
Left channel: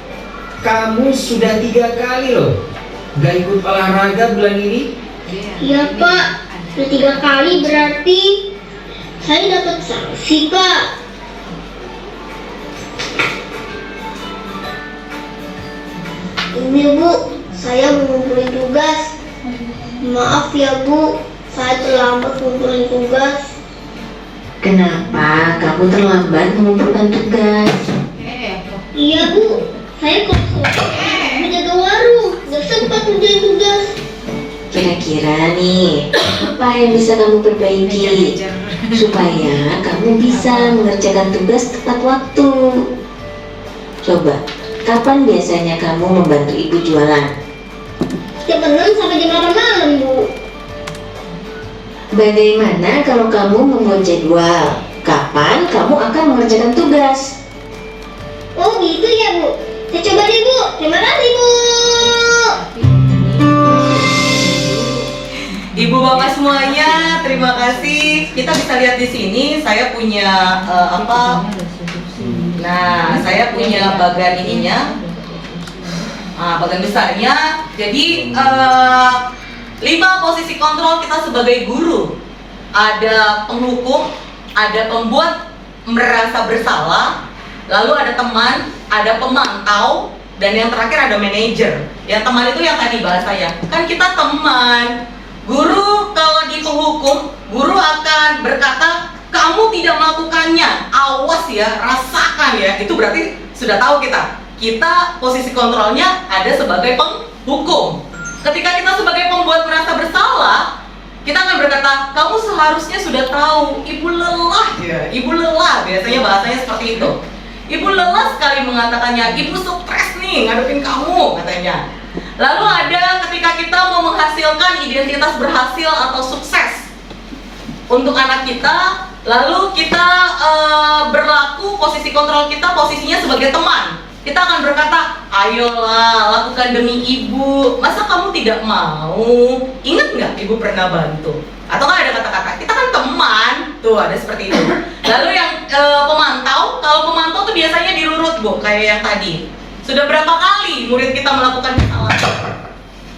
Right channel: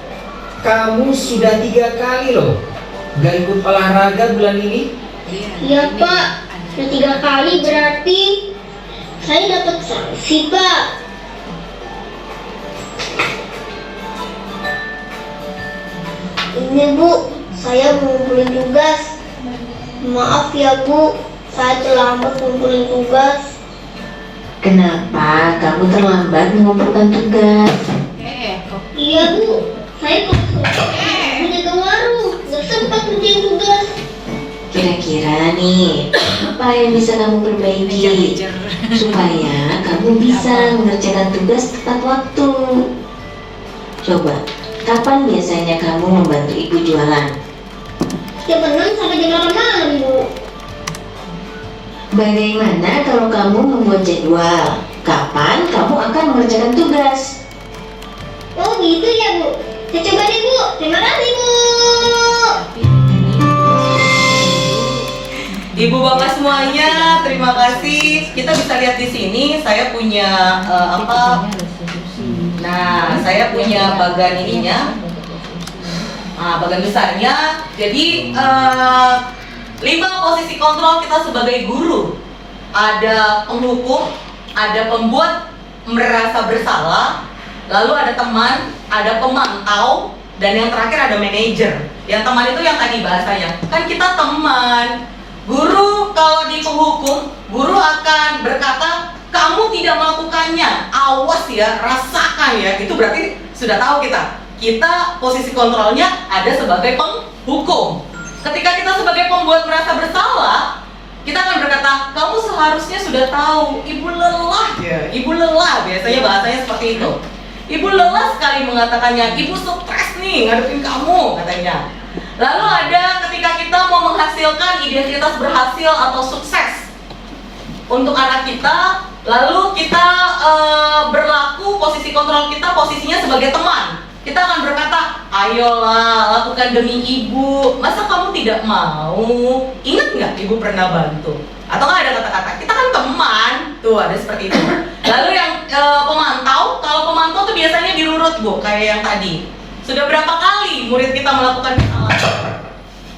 kamu sudah 3 kali loh nggak ikut olahraga bulan ini. Iya, Pak. Sudah 3 kali berarti saya dapat sanksi, Pak. Ini, Bu, saya mau ngumpulin tugas. Maaf ya, Bu, saya terlambat ngumpulin tugas. Kenapa kamu terlambat mengumpulkan tugas? Iya, Bu, saya kosong menjaga warung, nggak sempat ngerjain tugas. Kira-kira nih, apa yang bisa kamu perbaiki supaya kamu bisa mengerjakan tugas tepat waktu? Coba, kapan biasanya kamu membantu ibu jualan? Setiap berenang sampai jam 8 malam, Bu. Bagaimana kalau kamu membuat jadwal? Kapan kamu akan mengerjakan tugas? Oh gitu ya, Bu. Saya coba deh, Bu. Terima kasih, Bu. Ibu bapak semuanya, terima kasih. Kita bisa lihat di sini, saya punya Nah, saya punya bagan ininya, bagan besarnya. Jadi 5 posisi kontrol kita sebagai guru. Ada penghukum, ada pembuat merasa bersalah, lalu ada teman, ada pemantau, dan yang terakhir ada manajer. Yang teman itu yang tadi bahasanya, kan kita teman. Guru kalau di penghukum, guru akan berkata, kamu tidak melakukannya, awas ya, rasakan ya. Itu berarti sudah tahu kita posisi kontrolnya ada sebagai penghukum. Ketika kita sebagai pembuat merasa bersalah, kita akan berkata, kamu seharusnya sudah tahu, ibu lelah ya, ibu lelah, biasanya bahasanya seperti itu. Ibu lelah sekali mengatakannya, ibu stres nih ngadepin kamu, katanya. Lalu ada menghasilkan identitas berhasil atau sukses untuk anak kita, lalu kita berlaku, posisi kontrol kita posisinya sebagai teman. Kita akan berkata, ayolah lakukan demi ibu, masa kamu tidak mau? Ingat nggak ibu pernah bantu? Atau nggak ada kata-kata, kita kan teman, tuh ada seperti itu. Lalu yang pemantau, kalau pemantau tuh biasanya dirurut bu, kayak yang tadi. Sudah berapa kali murid kita melakukan kesalahan?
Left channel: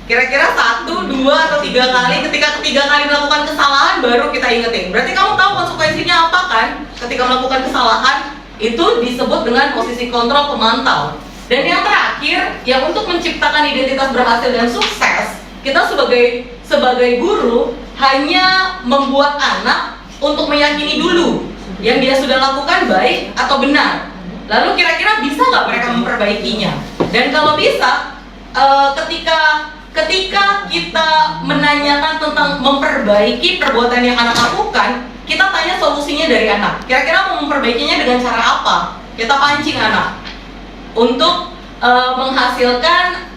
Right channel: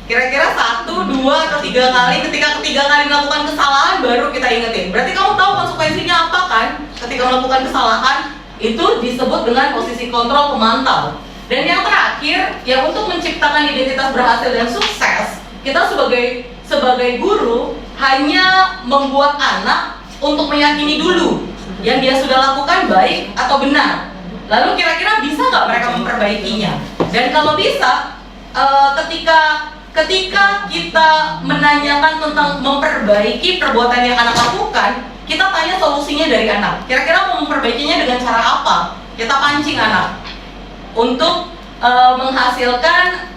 Kira-kira 1, 2, atau 3 kali. Ketika ketiga kali melakukan kesalahan baru kita ingetin. Berarti kamu tahu konsekuensinya apa kan? Ketika melakukan kesalahan itu disebut dengan posisi kontrol pemantau. Dan yang terakhir, yang untuk menciptakan identitas berhasil dan sukses, kita sebagai guru hanya membuat anak untuk meyakini dulu yang dia sudah lakukan baik atau benar. Lalu kira-kira bisa nggak mereka memperbaikinya? Dan kalau bisa, ketika kita menanyakan tentang memperbaiki perbuatan yang anak lakukan, kita tanya solusinya dari anak. Kira-kira mau memperbaikinya dengan cara apa? Kita pancing anak untuk menghasilkan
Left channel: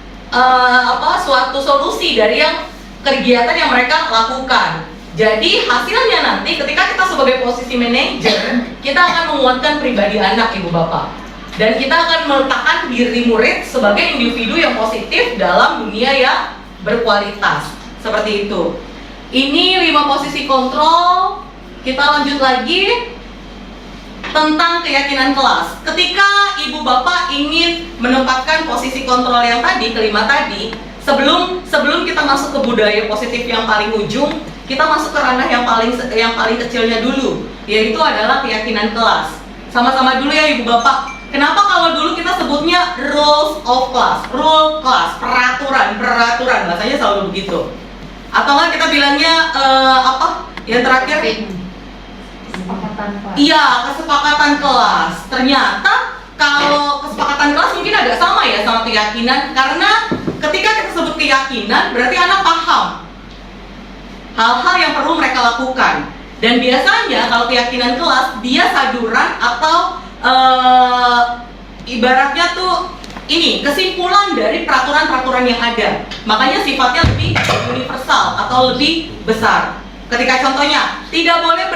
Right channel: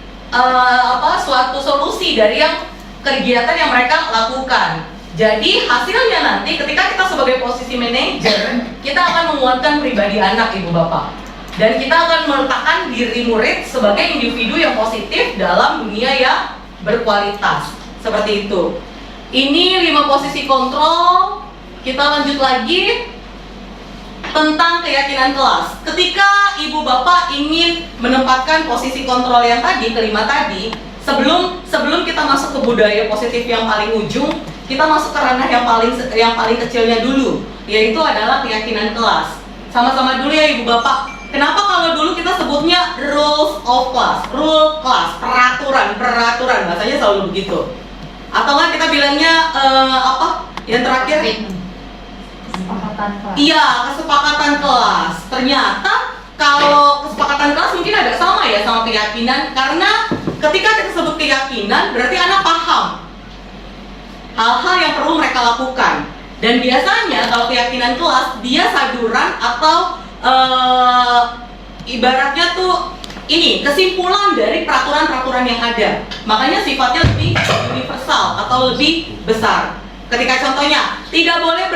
suatu solusi dari yang kegiatan yang mereka lakukan. Jadi hasilnya nanti ketika kita sebagai posisi manajer, kita akan menguatkan pribadi anak ibu bapak. Dan kita akan meletakkan diri murid sebagai individu yang positif dalam dunia yang berkualitas. Seperti itu. Ini 5 posisi kontrol. Kita lanjut lagi tentang keyakinan kelas. Ketika ibu bapak ingin menempatkan posisi kontrol yang tadi, kelima tadi, sebelum kita masuk ke budaya positif yang paling ujung, kita masuk ke ranah yang paling kecilnya dulu, yaitu adalah keyakinan kelas. Sama-sama dulu ya ibu bapak. Kenapa kalau dulu kita sebutnya rules of class, rule class, peraturan, bahasanya selalu begitu. Atau kan kita bilangnya yang terakhir? Kesepakatan kelas. Iya, kesepakatan kelas. Ternyata kalau kesepakatan kelas mungkin agak sama ya sama keyakinan, karena ketika kita sebut keyakinan berarti anak paham hal-hal yang perlu mereka lakukan. Dan biasanya kalau keyakinan kelas dia saduran atau ibaratnya tuh ini kesimpulan dari peraturan-peraturan yang ada. Makanya sifatnya lebih universal atau lebih besar. Ketika contohnya tidak boleh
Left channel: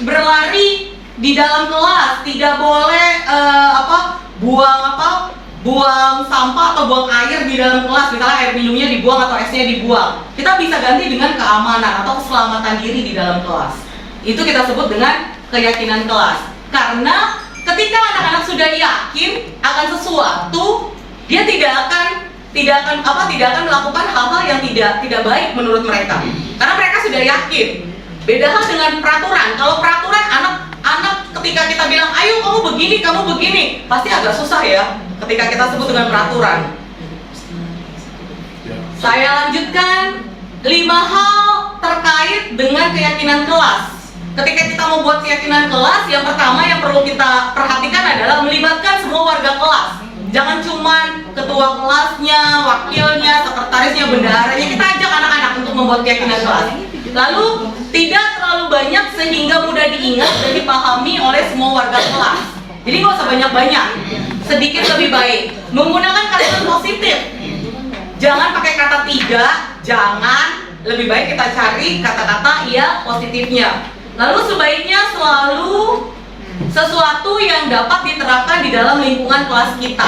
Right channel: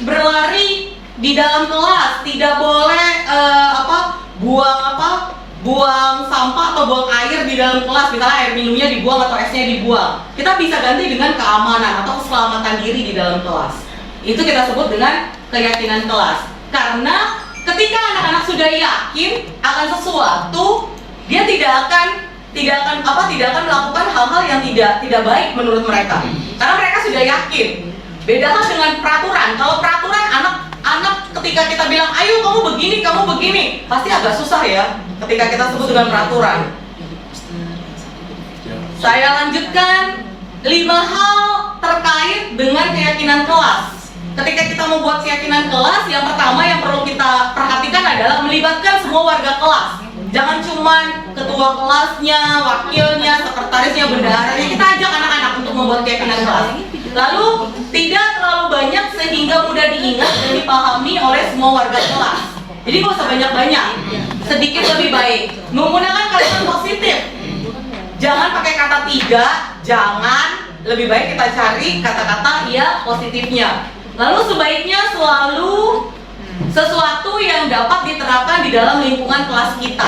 berlari di dalam kelas, tidak boleh buang sampah atau buang air di dalam kelas, misalnya air minumnya dibuang atau esnya dibuang. Kita bisa ganti dengan keamanan atau keselamatan diri di dalam kelas. Itu kita sebut dengan keyakinan kelas. Karena ketika anak-anak sudah yakin akan sesuatu, dia tidak akan melakukan hal-hal yang tidak baik menurut mereka. Karena mereka sudah yakin. Beda hal dengan peraturan. Kalau peraturan anak ketika kita bilang, ayo kamu begini, pasti agak susah ya ketika kita sebut dengan peraturan. Saya lanjutkan 5 hal terkait dengan keyakinan kelas. Ketika kita membuat keyakinan kelas, yang pertama yang perlu kita perhatikan adalah melibatkan semua warga kelas. Jangan cuma ketua kelasnya, wakilnya, sekretarisnya, bendaharanya. Kita ajak anak-anak untuk membuat keyakinan kelas. Lalu tidak terlalu banyak sehingga mudah diingat dan dipahami oleh semua warga kelas. Jadi nggak usah banyak-banyak, sedikit lebih baik. Menggunakan kalimat positif. Jangan pakai kata tidak, jangan. Lebih baik kita cari kata-kata ya positifnya. Lalu sebaiknya selalu sesuatu yang dapat diterapkan di dalam lingkungan kelas kita.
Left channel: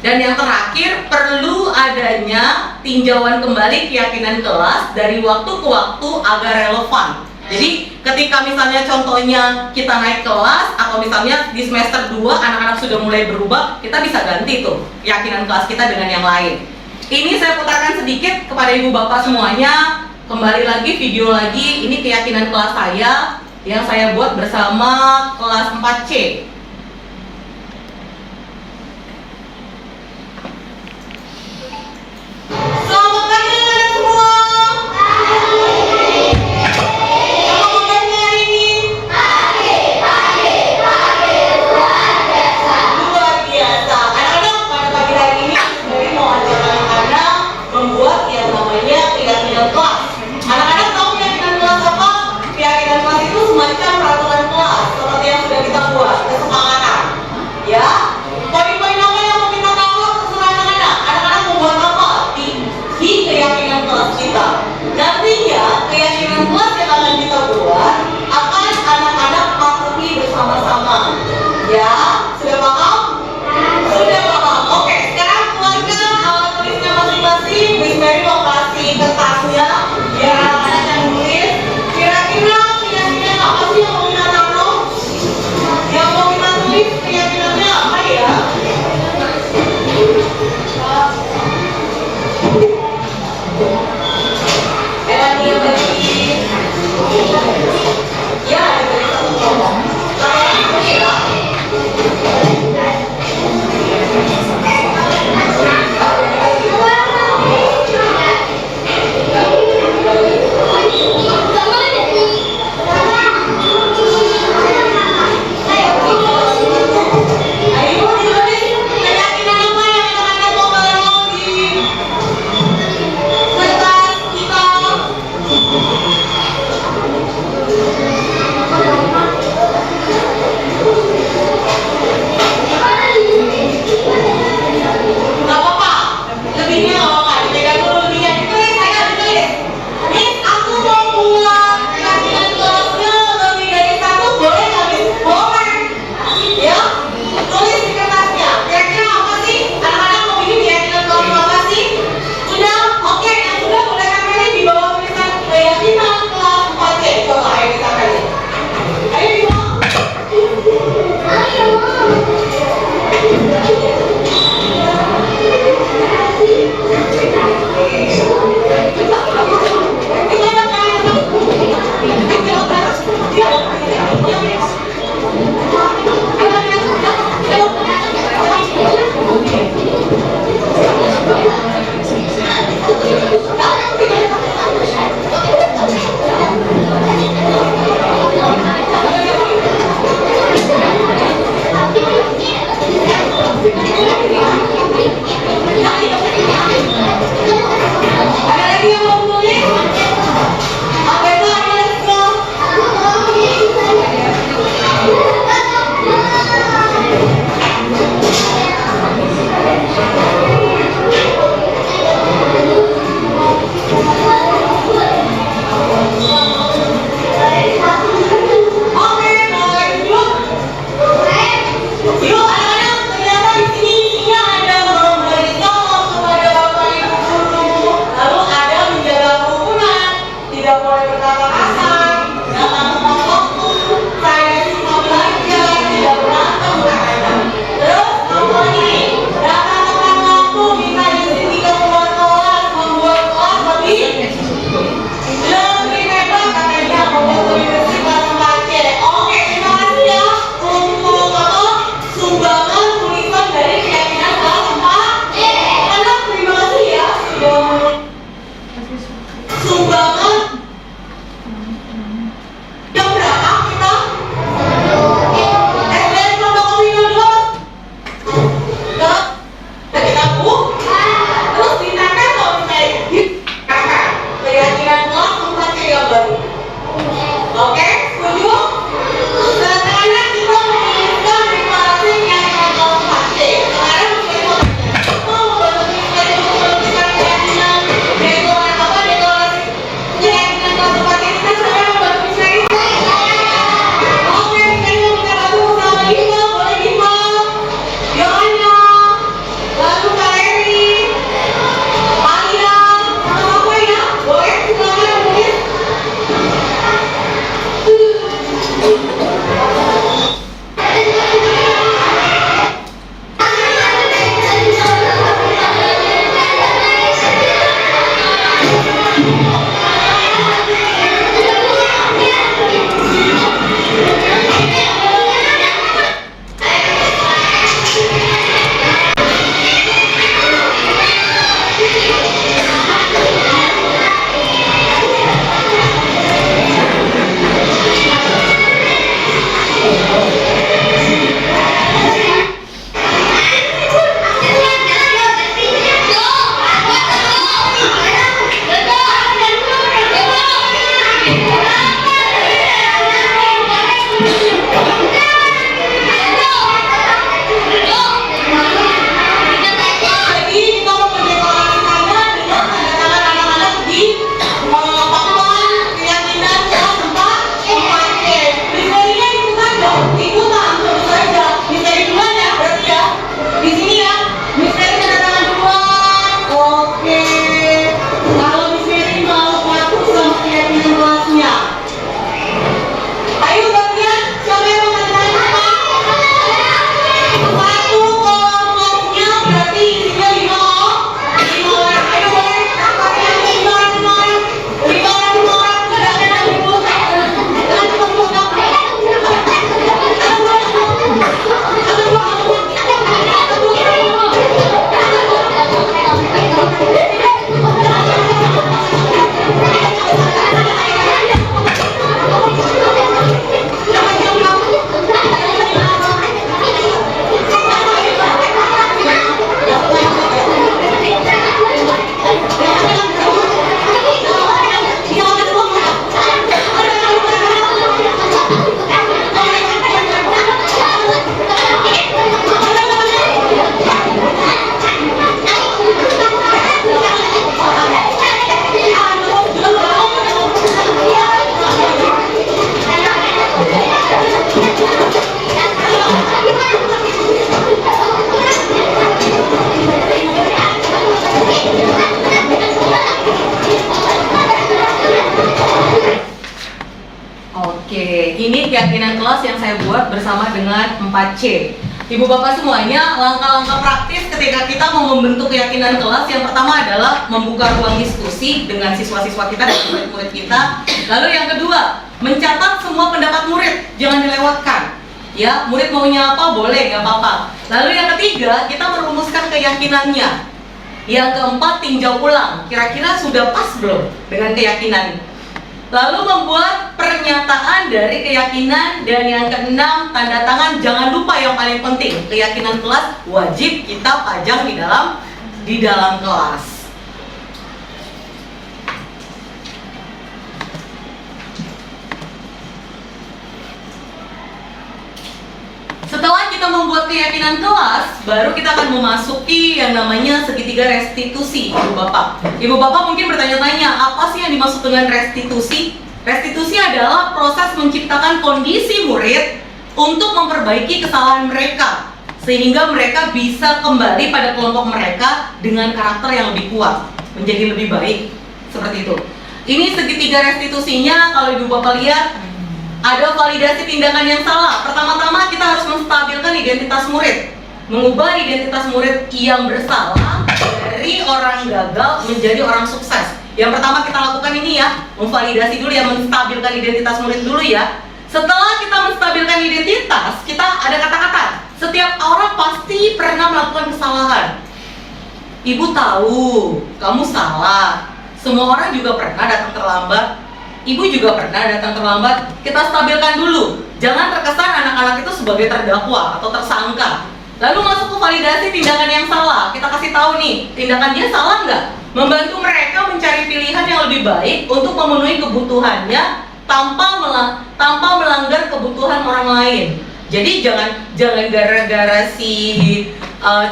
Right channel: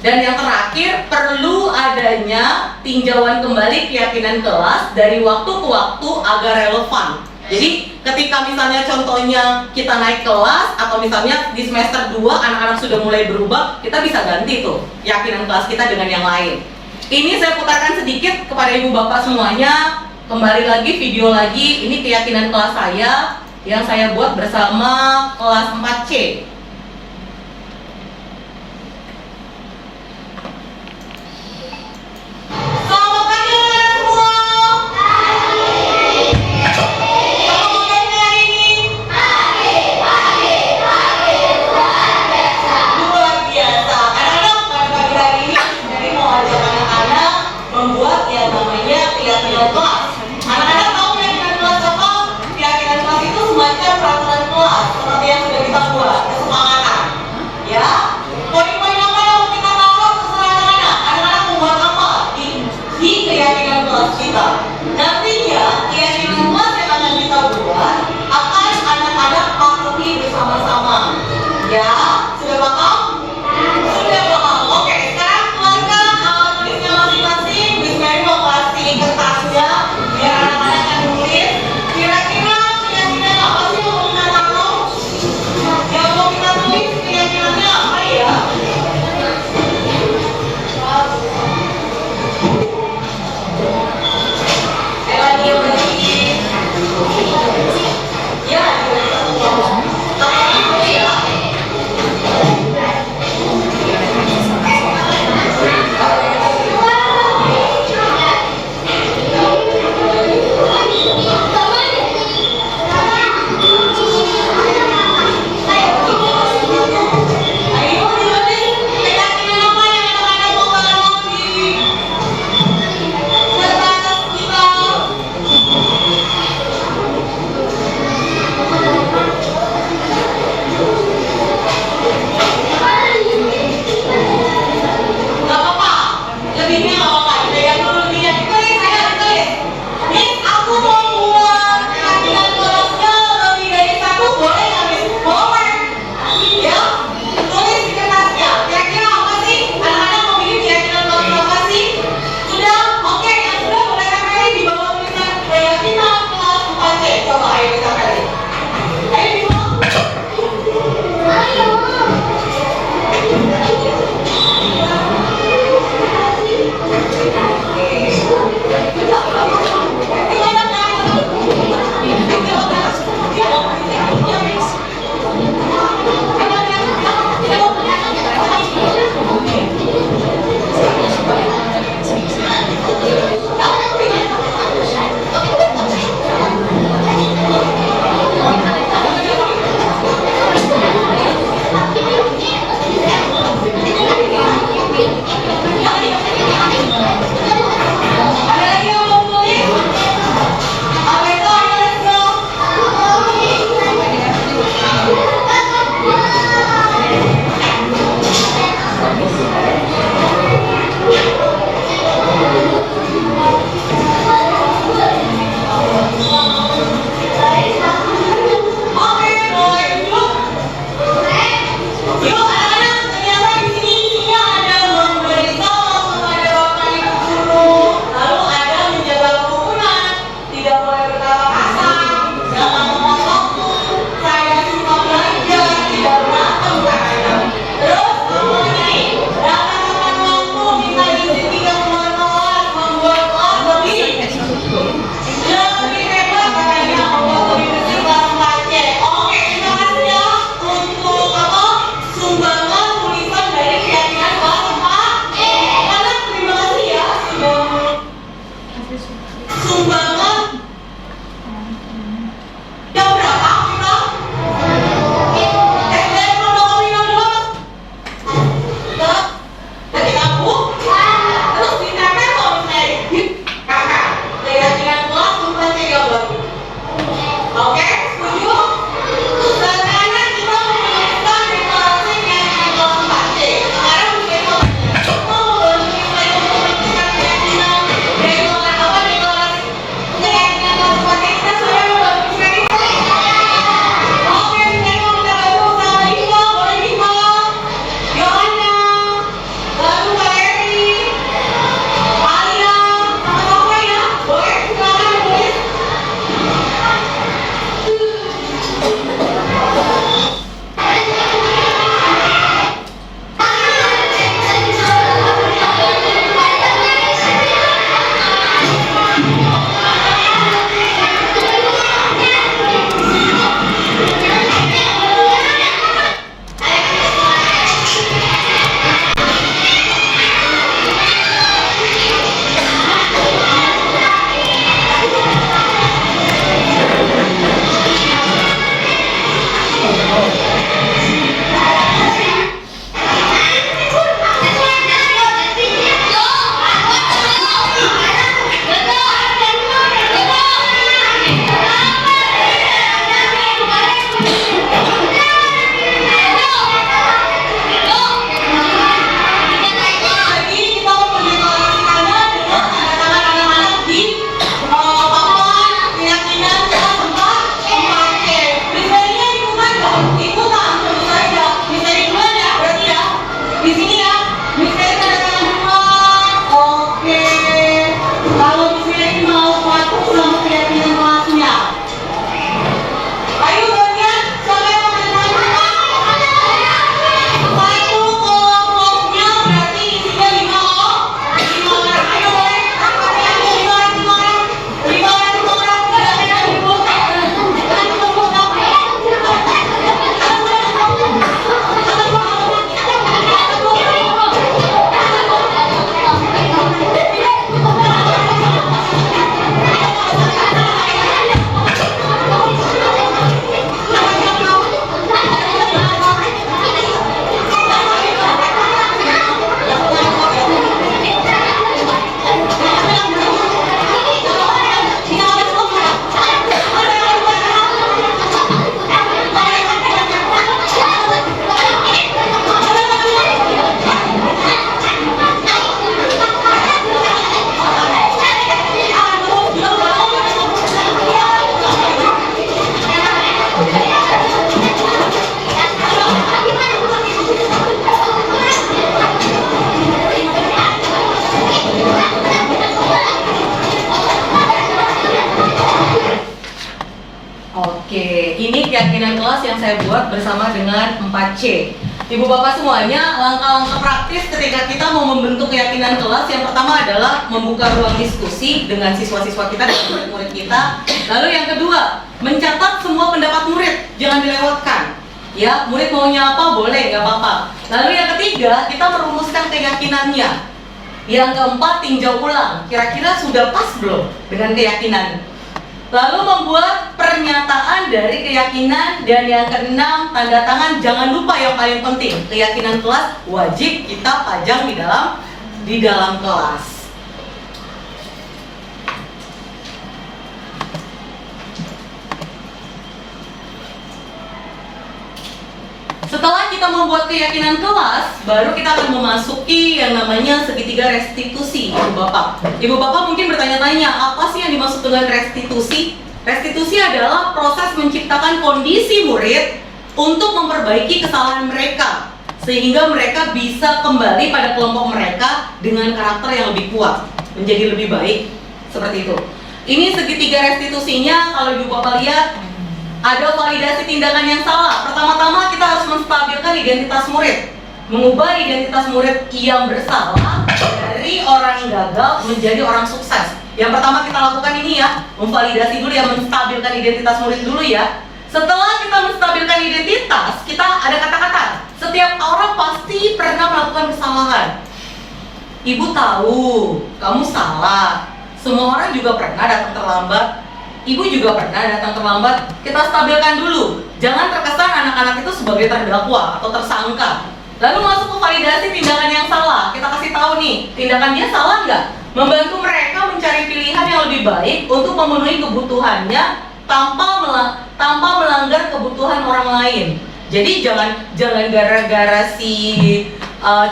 Dan yang terakhir, perlu adanya tinjauan kembali keyakinan kelas dari waktu ke waktu agar relevan. Jadi ketika misalnya contohnya kita naik kelas, atau misalnya di semester 2 anak-anak sudah mulai berubah, kita bisa ganti tuh keyakinan kelas kita dengan yang lain. Ini saya putarkan sedikit kepada ibu bapak semuanya. Kembali lagi, video lagi, ini keyakinan kelas saya yang saya buat bersama kelas 4C. Selamat pagi anak semua. Selamat pagi hari ini. Luar biasa. Anak-anak pada pagi hari ini dari mau ajak anak-anak membuat yang namanya keyakinan kelas. Anak-anak tahu keyakinan kelas apa? Keyakinan kelas itu semacam peraturan kelas seperti yang sudah kita buat. Ya, sudah paham? Sudah paham. Oke, sekarang keluarkan tulisnya masing-masing. Miss Mary mau kasih kertasnya. Biar anak-anak yang nulis. Kira-kira keyakinan apa sih yang mau kita taruh? Yang mau kita tulis keyakinannya apa ya? Ya, kelas yang saya buat bersama dengan 4C. Ibu bapak semuanya, langkah-langkah praktis ketika kita mau membentuk keyakinan kelas, yang pertama adalah membuka ruang diskusi dengan siswa-siswa kita dan murid-murid kita. Lalu yang kedua, mencatat semua pendapat murid, jangan dilewatkan. Ya, murid maunya apa boleh, nggak apa-apa. Lalu yang ketiga, kita merumuskan keyakinannya. Yang keempat, tinjau ulang, kira-kira sudah pas belum dengan keyakinan. Lalu membuat pernyataan dari keyakinan. Dan yang keenam, tanda tangan. Jangan lupa yang paling penting, keyakinan kelas wajib kita pajang di dalam kelas. Setelah kita membuat keyakinan kelas, baru kita akan memasuki yang namanya segitiga restitusi, Ibu Bapak. Ibu Bapak mungkin bertanya-tanya, apa sih yang dimaksud dengan restitusi? Restitusi adalah proses menciptakan kondisi murid untuk memperbaiki kesalahan mereka, sehingga mereka bisa kembali pada kelompok mereka dengan karakter yang lebih kuat, menjadi lebih baik, seperti itu. Ini segitiga restitusinya, kalau Ibu Bapak lihat, ada validasi tindakan yang salah. Pertama-tama kita harus menstabilkan identitas murid, mengubah identitas murid yang bersalah dari orang gagal menjadi orang sukses. Yang pertama kita lakukan ini ya, memvalidasi dulu ya, menstabilkan identitas murid dulu ya. Setelah kita menstabilkan identitas, kita ada kata-kata, setiap orang pasti pernah melakukan kesalahan. Ibu tahu, kamu salah. Semua orang juga pernah datang terlambat. Ibu juga pernah datang terlambat. Kita stabilkan dulu. Jangan terkesan anak-anak itu sebagai terdakwa atau tersangka. Lalu masuk ke validasi tindakan yang salah. Kita kasih tahu nih, tindakan dia salah nggak? Membantu mereka mencari pilihan yang lebih baik untuk memenuhi kebutuhannya tanpa melanggar kebutuhan orang lain. Jadi jangan gara-gara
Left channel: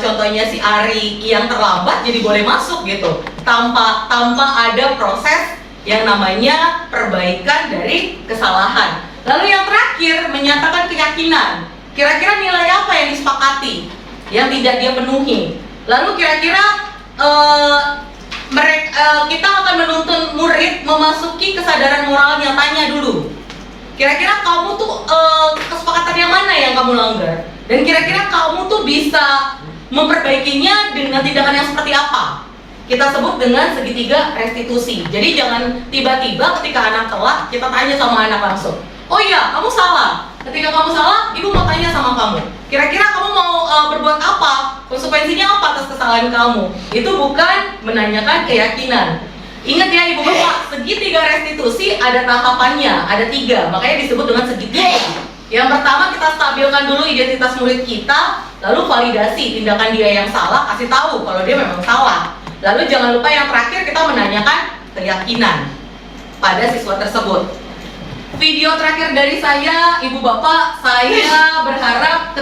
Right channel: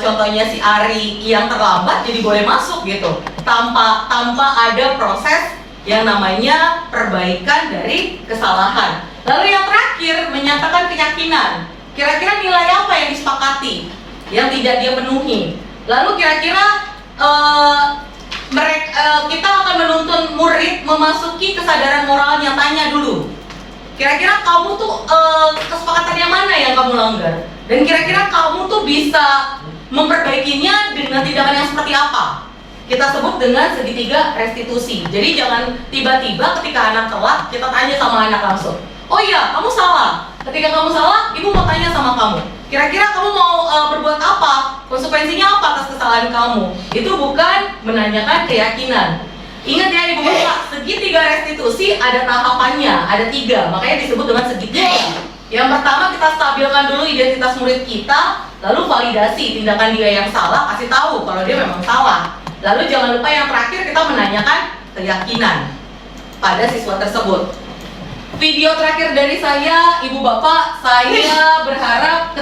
contohnya si Ari yang terlambat jadi boleh masuk gitu. Tanpa ada proses yang namanya perbaikan dari kesalahan. Lalu yang terakhir, menyatakan keyakinan. Kira-kira nilai apa yang disepakati yang tidak dia penuhi. Lalu kira-kira kita akan menuntun murid memasuki kesadaran moral yang tanya dulu. Kira-kira kamu tuh kesepakatan yang mana yang kamu langgar? Dan kira-kira kamu tuh bisa memperbaikinya dengan tindakan yang seperti apa? Kita sebut dengan segitiga restitusi. Jadi jangan tiba-tiba ketika anak telat kita tanya sama anak langsung, oh iya kamu salah. Ketika kamu salah, ibu mau tanya sama kamu, kira-kira kamu mau berbuat apa? Konsekuensinya apa atas kesalahan kamu? Itu bukan menanyakan keyakinan. Ingat ya ibu bapak, segitiga restitusi ada tahapannya, ada 3, makanya disebut dengan segitiga. Yang pertama kita stabilkan dulu identitas murid kita, lalu validasi tindakan dia yang salah, kasih tahu kalau dia memang salah. Lalu jangan lupa yang terakhir kita menanyakan keyakinan pada siswa tersebut. Video terakhir dari saya, ibu bapak, saya berharap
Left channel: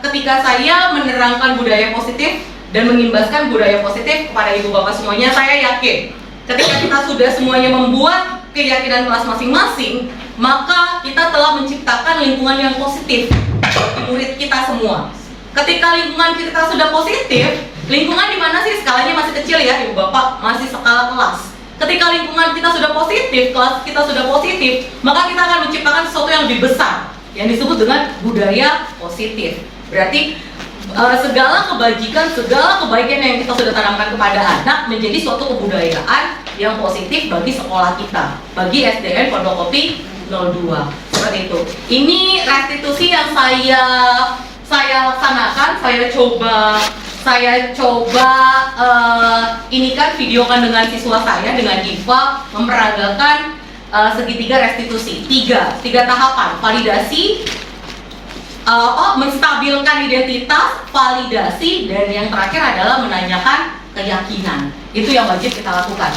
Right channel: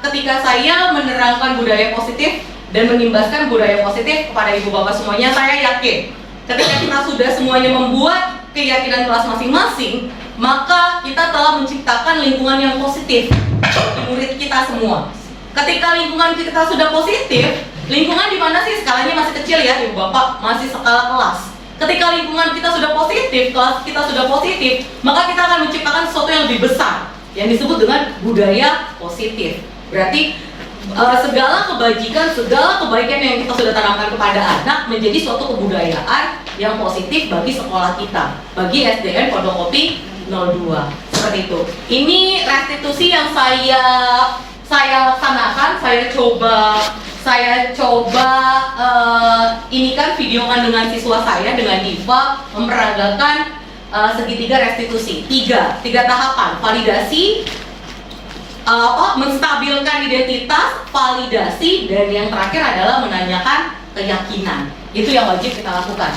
ketika saya menerangkan budaya positif dan mengimbaskan budaya positif kepada ibu bapak semuanya, saya yakin ketika kita sudah semuanya membuat keyakinan kelas masing-masing, maka kita telah menciptakan lingkungan yang positif bagi murid kita semua. Ketika lingkungan kita sudah positif, lingkungan di mana sih skalanya masih kecil ya ibu bapak, masih skala kelas. Ketika lingkungan kita sudah positif, kelas kita sudah positif, maka kita akan menciptakan sesuatu yang lebih besar yang disebut dengan budaya positif. Berarti segala kebajikan, segala kebaikan yang kita sudah tanamkan kepada anak menjadi suatu kebudayaan yang positif bagi sekolah kita, bagi SDN Pondokopi 02. Seperti itu. Ini restitusi yang saya laksanakan, saya coba ini kan videokan dengan siswa saya, dengan Diva, memperagakan segitiga restitusi, tiga tahapan: validasi, menstabilkan identitas, validasi, dan yang terakhir adalah menanyakan keyakinan. Itu yang wajib kita lakukan.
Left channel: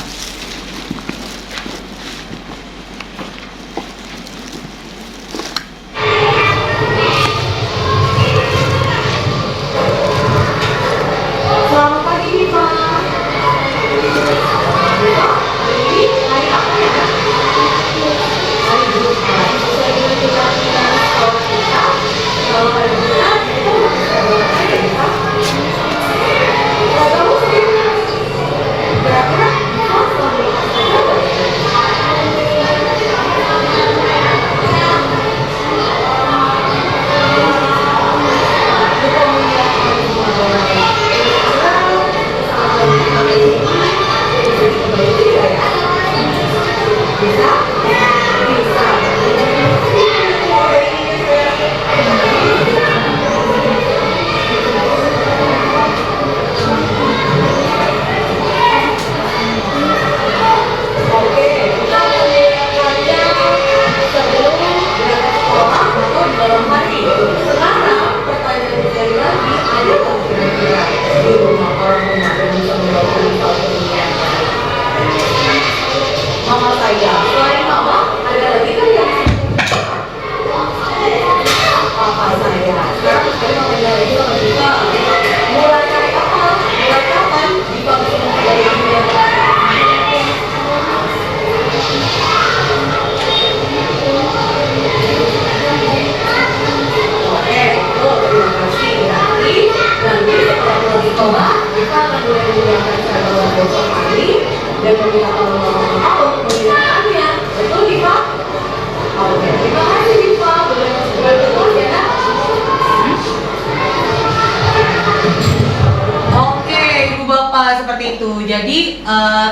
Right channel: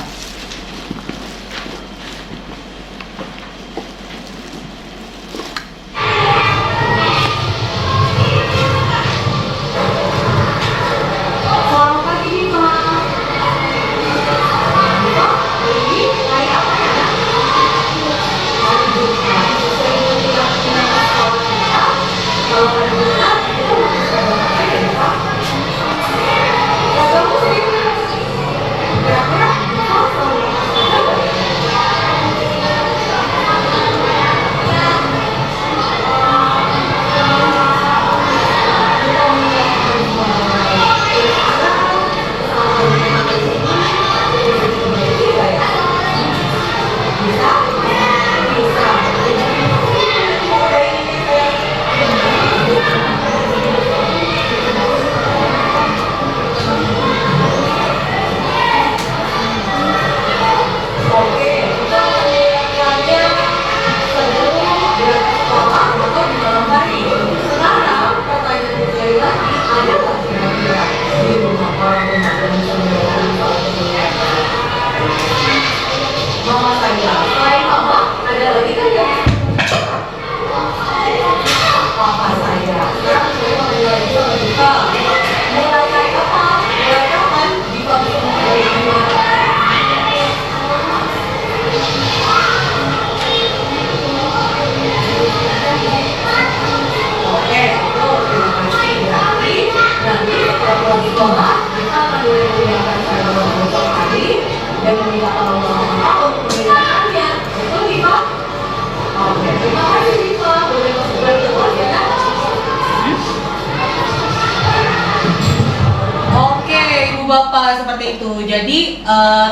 seperti itu. Jadi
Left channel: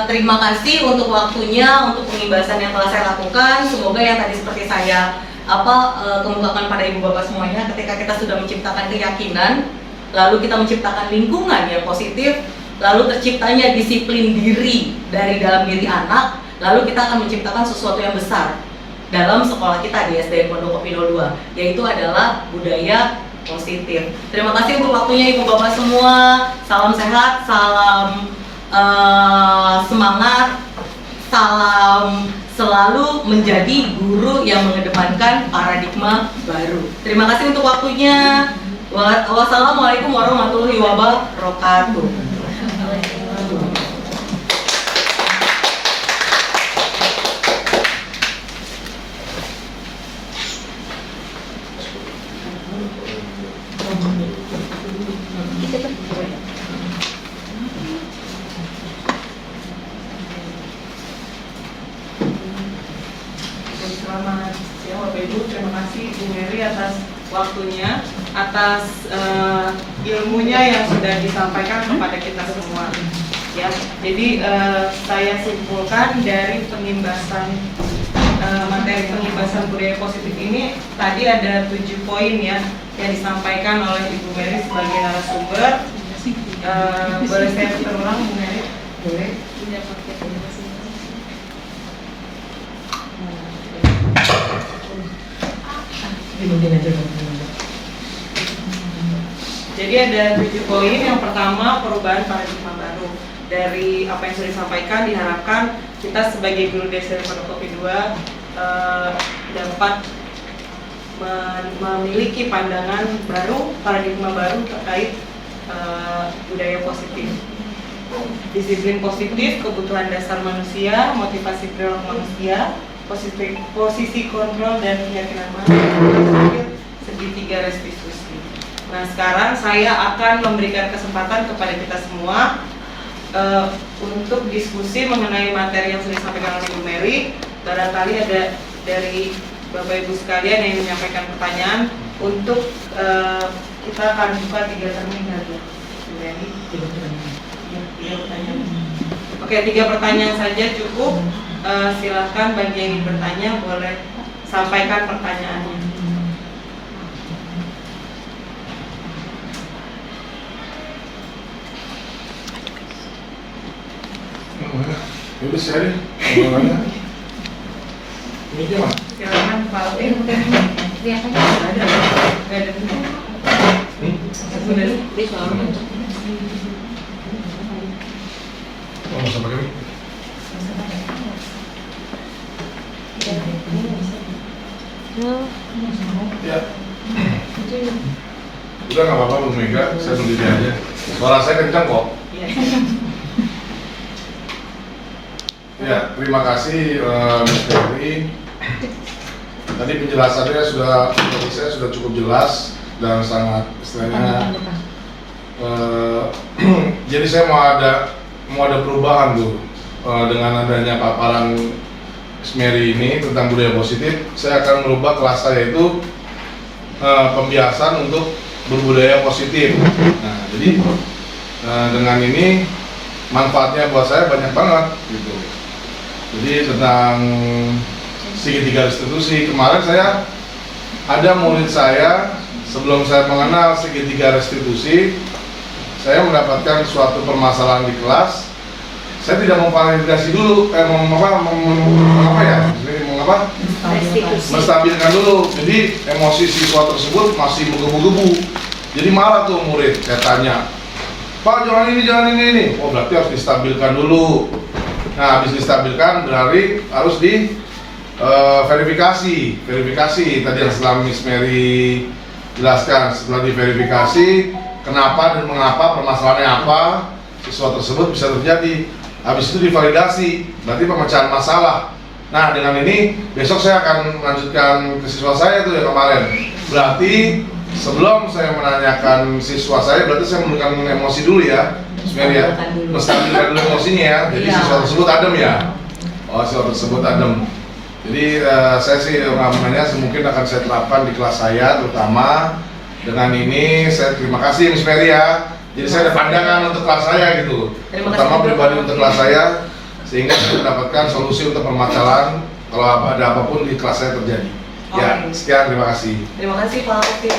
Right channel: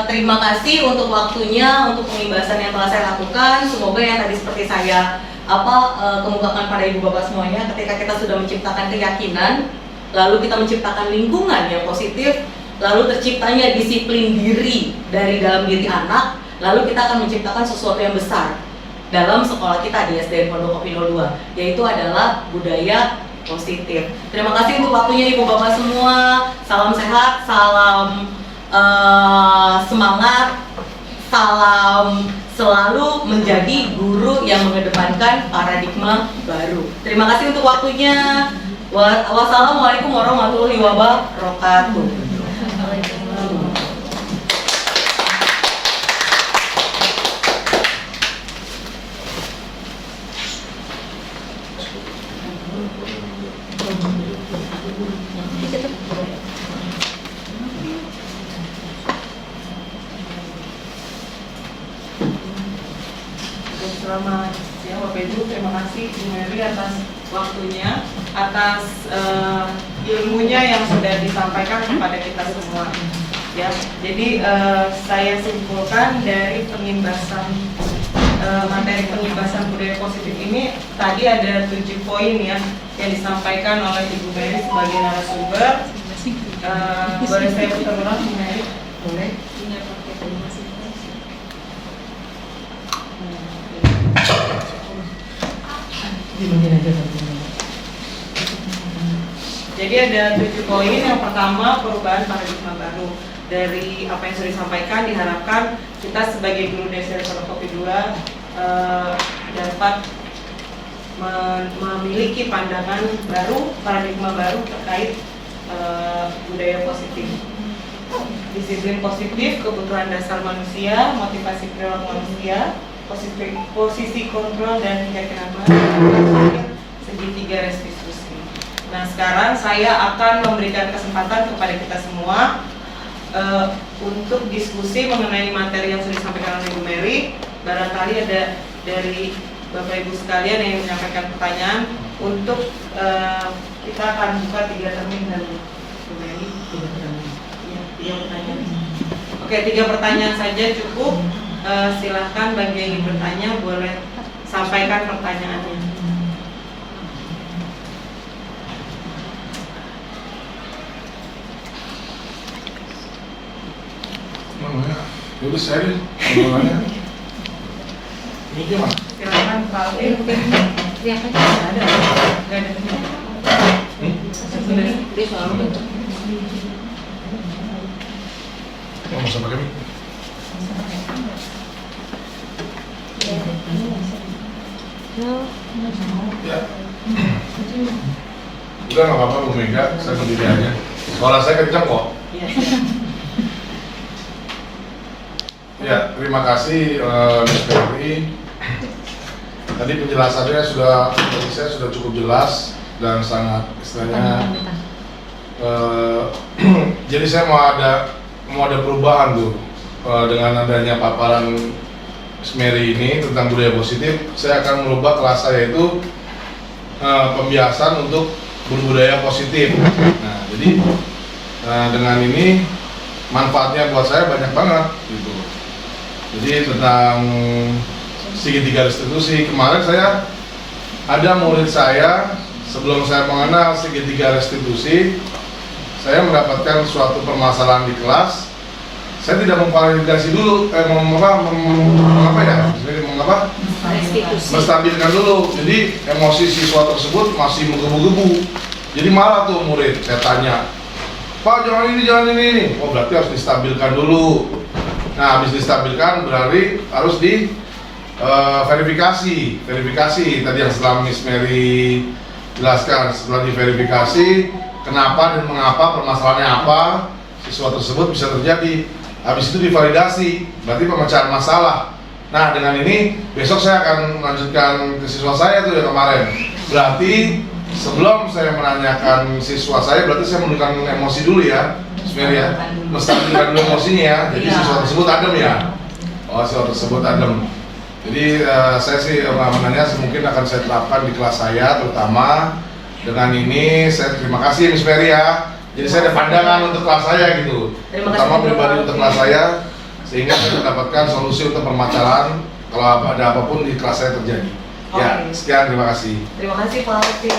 terima kasih untuk waktunya, untuk pengibasan yang telah saya lakukan. Semoga yang tadi seperti saya kemukakan pada ibu bapak semuanya, ketika kita sudah menciptakan keyakinan, lalu kita menciptakan lingkungan yang positif, lalu terciptanya disiplin diri dari dalam diri anak, lalu kita akan menciptakan sesuatu yang besar dalam sekolah kita di SDN Pondokopi 02, yaitu adalah budaya positif. Terima kasih untuk waktunya ibu bapak semua. Salam sehat, salam semangat, salam selalu menjadi guru yang mengedepankan paradigma baru. Terima kasih untuk waktunya. Wassalamualaikum warahmatullahi wabarakatuh. Selamat siang Bapak Ibu, terima kasih Bu Mary atas waktunya, atas ilmunya yang sudah disampaikan kepada kita semua. Ya, jadi saya simpulkan dari pengimbasan materi pengimbasan budaya positif ini, tadi ada 7 poin ya yang disampaikan oleh Ibu Mary sebagai narasumber. Boleh saya putar ulang Bu Mary? Boleh. Jadi ada 7 poin. Yang pertama, perubahan paradigma baru. Dari apa yang sudah disampaikan, diharapkan kita sebagai guru di SDN Pondokopi 2 dapat memiliki pandangan baru, paradigma baru terkait budaya positif. Disiplin positif, kebutuhan dasar manusia, motivasi perilaku manusia, posisi kontrol dan keyakinan manusia, segitiga restitusi. Nah, sekarang saya akan memberikan kesempatan kepada kita semua untuk diskusi mengenai materi yang sudah disampaikan oleh Bu Mary. Barangkali ada dari Bapak Ibu sekalian yang menyampaikan pertanyaan. Untuk kita akan buka 3 terminal Bu Mary. 3 pertanyaan. Oke, 3 pertanyaan saja cukup. Silahkan bagi yang ingin bertanya boleh sampaikan pertanyaannya. Udah share ya? Ini dia mas? Silakan Pak. Lihat aja. Nggak ada. Mau sama kami? Ya. Udah nggak apa-apa Bu Mega, saya berdiri aja. Suara saya kencang kok. Ya, terima kasih Mas Dewi. Tadi penjelasannya dari saya sudah cukup jelas dan sangat istilahnya. Jadi saya mau ada perubahan tuh dengan adanya paparan Mary ini tentang budaya positif. Saya akan merubah kelas saya itu pembiasan untuk berbudaya positif. Nah, jadi dengan ini manfaatnya buat saya banyak banget gitu. Jadi tentang segitiga restitusi, kemarin saya ada murid saya, sebelum saya mengenal segitiga restitusi, saya mendapatkan suatu permasalahan di kelas. Saya tidak memvalidasi dulu, menstabilkan dulu. Jadi emosi siswa tersebut masih menggebu-gebu. Jadi marah tuh murid, saya tanya, Pak jangan ini. Oh berarti harus distabilkan dulu. Nah habis distabilkan berarti harus di verifikasi tadi yang setelah Miss Mary jelaskan. Setelah diverifikasi kenapa dan mengapa, permasalahannya apa, siswa tersebut bisa terjadi. Habis itu divalidasi, berarti pemecahan masalah. Nah dengan ini besok saya akan melanjutkan ke siswa saya tuh yang kemarin. Berarti sebelum saya menanyakan siswa saya, berarti saya menunjukkan emosi dulu ya, ya, menstabilkan dulu emosinya ya. Jadi siswa tersebut adem ya. Oh siswa tersebut adem. Jadi saya sih menanya mungkin akan saya terapkan di kelas saya terutama. Dengan ini saya terima kasih Miss Mary ya. Jadi saya ada pandangan untuk kelas saya gitu, Terima kasih terutama juga, pribadi Pak. untuk kelas saya, sehingga saya mendapatkan solusi untuk permasalahan kalau ada apapun di kelas saya terjadi. Ya, Oke. sekian, terima kasih. Terima kasih Pak Alvin.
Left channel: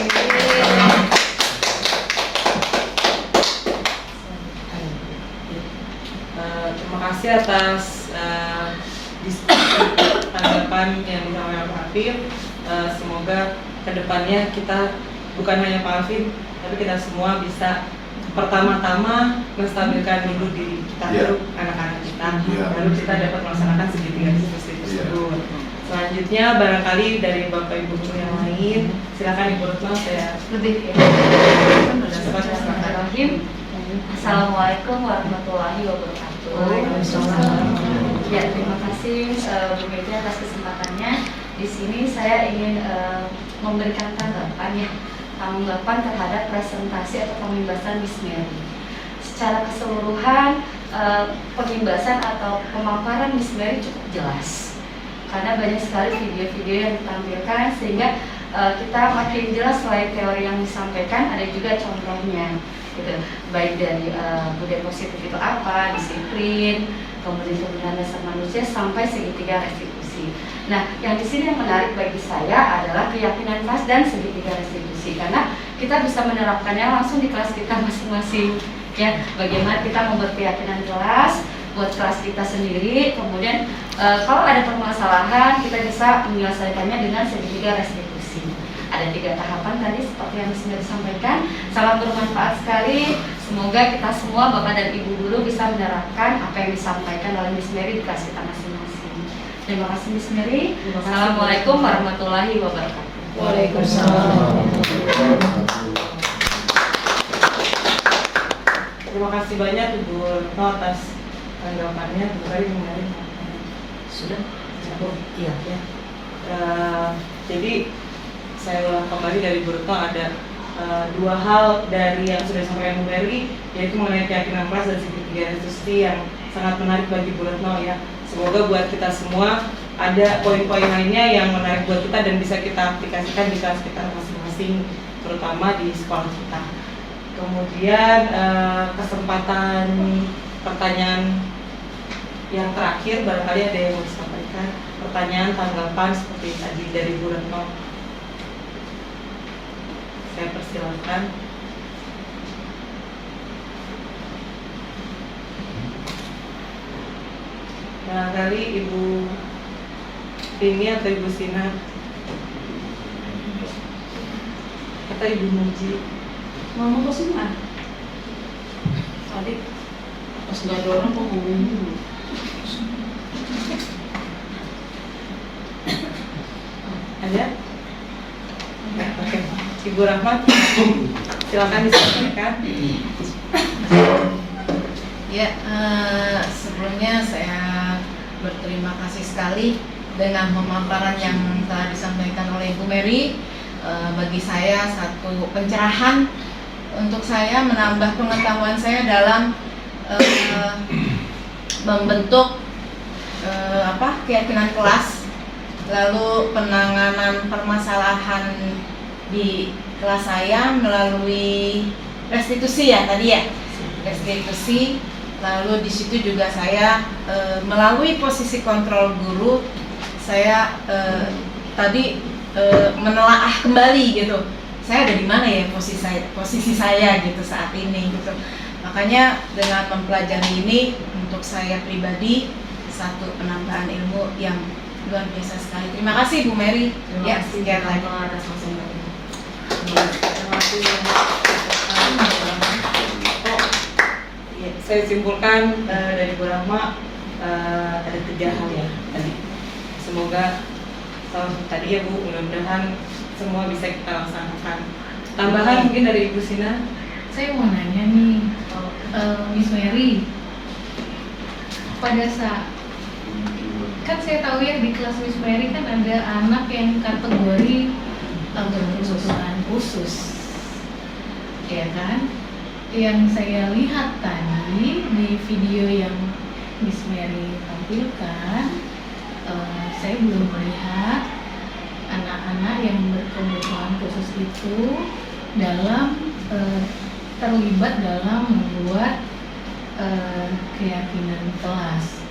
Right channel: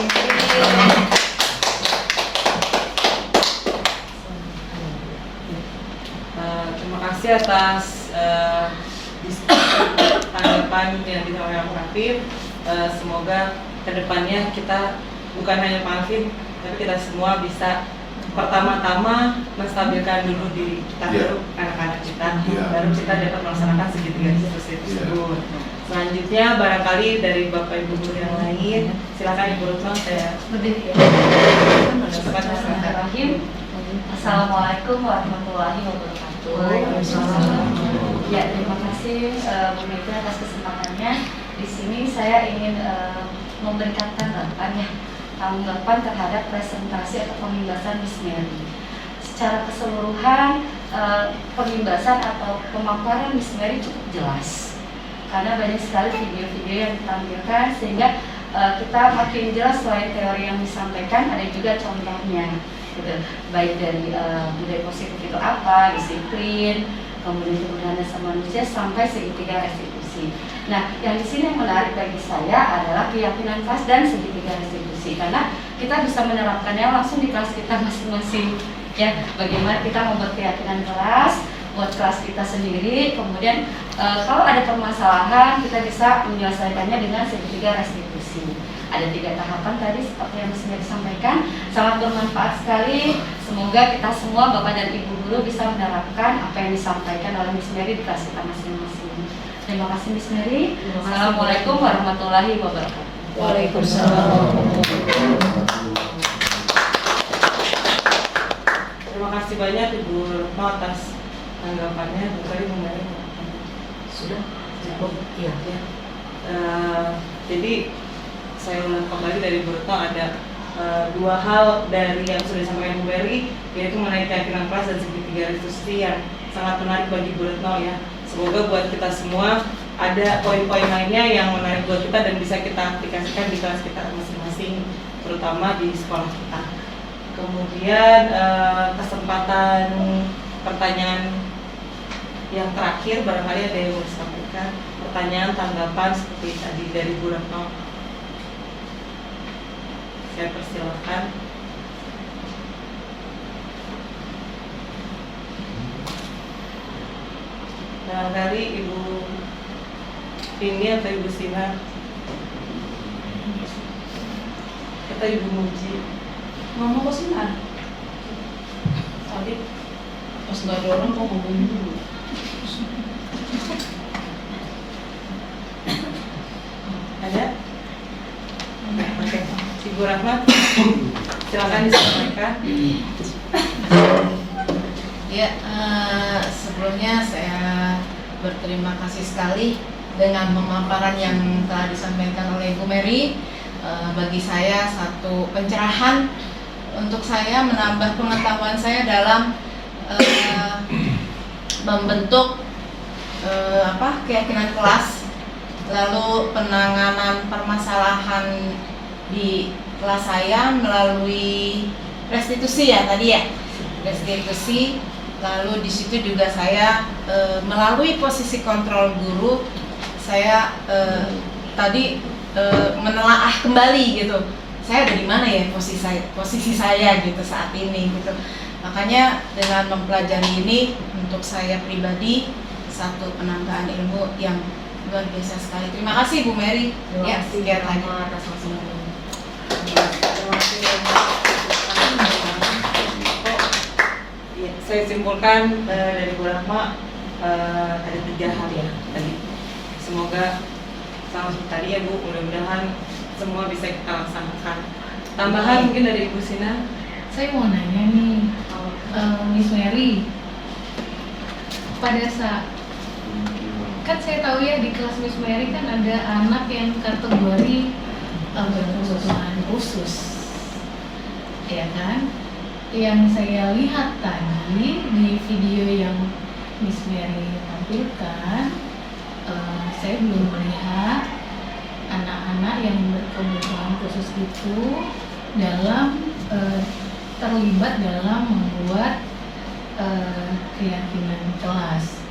Terima kasih atas tanggapan yang disampaikan Pak Alvin. Semoga kedepannya kita bukan hanya Pak Alvin, tapi kita semua bisa pertama-tama menstabilkan dulu diri kita, Iya. baru anak-anak kita, Iya. baru kita dapat melaksanakan segitiga diskusi tersebut. Selanjutnya barangkali dari Bapak Ibu guru yang lain, silakan Ibu Retno, saya Lebih ya. Bismillahirrahmanirrahim. Assalamualaikum warahmatullahi wabarakatuh. Ya, terima kasih Bu Mevri atas kesempatannya. Di sini saya ingin memberikan tanggapan terhadap presentasi atau pemimbasan Miss Mary. Secara keseluruhan pemimbasan atau pemaparan Miss Mary cukup jelas. Karena banyak sekali video-video yang ditampilkan sehingga kita makin jelas selain teori yang disampaikan ada juga contohnya gitu. Baik dari budaya positif itu apa, disiplin, kemudian kemudahan dasar manusia sampai segitiga restitusi. Nah, yang di sini yang menarik bagi saya adalah keyakinan kelas dan segitiga restitusi karena kita bisa menerapkannya langsung di kelas kita masing-masing. Ya, bagaimana kita membuat keyakinan kelas buat kelas kita sendiri, kemudian kalau ada permasalahan kita bisa menyelesaikannya dengan segitiga restitusi. Ada 3 tahapan tadi seperti yang Miss sampaikan, sangat bermanfaat sekali. Semoga kita semua Bapak dan Ibu guru bisa menerapkan apa yang disampaikan oleh Miss Mary di kelas kita masing-masing. Terima kasih Miss Mary. Assalamualaikum warahmatullahi wabarakatuh. Waalaikumsalam. Terima kasih banyak Ibu Retno atas tanggapannya. Tadi mengenai Sudah cukup. Iya. ya. Jadi saya ulang kembali dari Bu Retno ada 2 hal dari yang sudah disampaikan Bu Mary, yaitu mengenai keyakinan kelas dan segitiga restitusi yang sangat menarik bagi Bu Retno ya. Semoga buat kita semua ada poin-poin lainnya yang menarik buat kita dan bisa kita aplikasikan di kelas kita masing-masing, terutama di sekolah kita. Kemudian kesempatan pertanyaan yang terakhir, barangkali ada yang mau disampaikan pertanyaan, tanggapan seperti tadi dari Bu Retno. Saya persilakan. Barangkali Ibu Rini atau Ibu Sinar atau Ibu Muji Mau ke Sinar? tadi Pas nggak ada orang kok ngomongin dulu. ada? Oke. Ibu Rahmat, silakan disampaikan. Ya, sebelumnya saya berterima kasih sekali dengan pemaparan yang telah disampaikan oleh Ibu Mary. Bagi saya satu pencerahan untuk saya menambah pengetahuan saya dalam membentuk keyakinan kelas, lalu penanganan permasalahan di kelas saya melalui restitusi ya tadi ya, restitusi. Lalu di situ juga saya melalui posisi kontrol guru, saya tadi menelaah kembali gitu. Saya ada di mana ya posisi saya gitu saat ini gitu. Makanya dengan mempelajari ini untuk saya pribadi satu penambahan ilmu yang luar biasa sekali. Terima kasih Bu Mary. Ya, sekian lagi atas masukan. Ya, saya simpulkan dari Bu Rahma ada 3 hal ya tadi. Semoga tadi ya Bu, mudah-mudahan semua bisa kita laksanakan. Tambahan mungkin dari Ibu Sina. Saya mau nanya nih, Miss Mary, pada saat kan saya tahu ya di kelas Miss Mary kan ada anak yang kategori berkebutuhan khusus, ya kan? Yang saya lihat tadi di video yang Miss Mary tampilkan, saya belum melihat anak-anak yang berkebutuhan khusus itu dalam terlibat dalam membuat keyakinan kelas.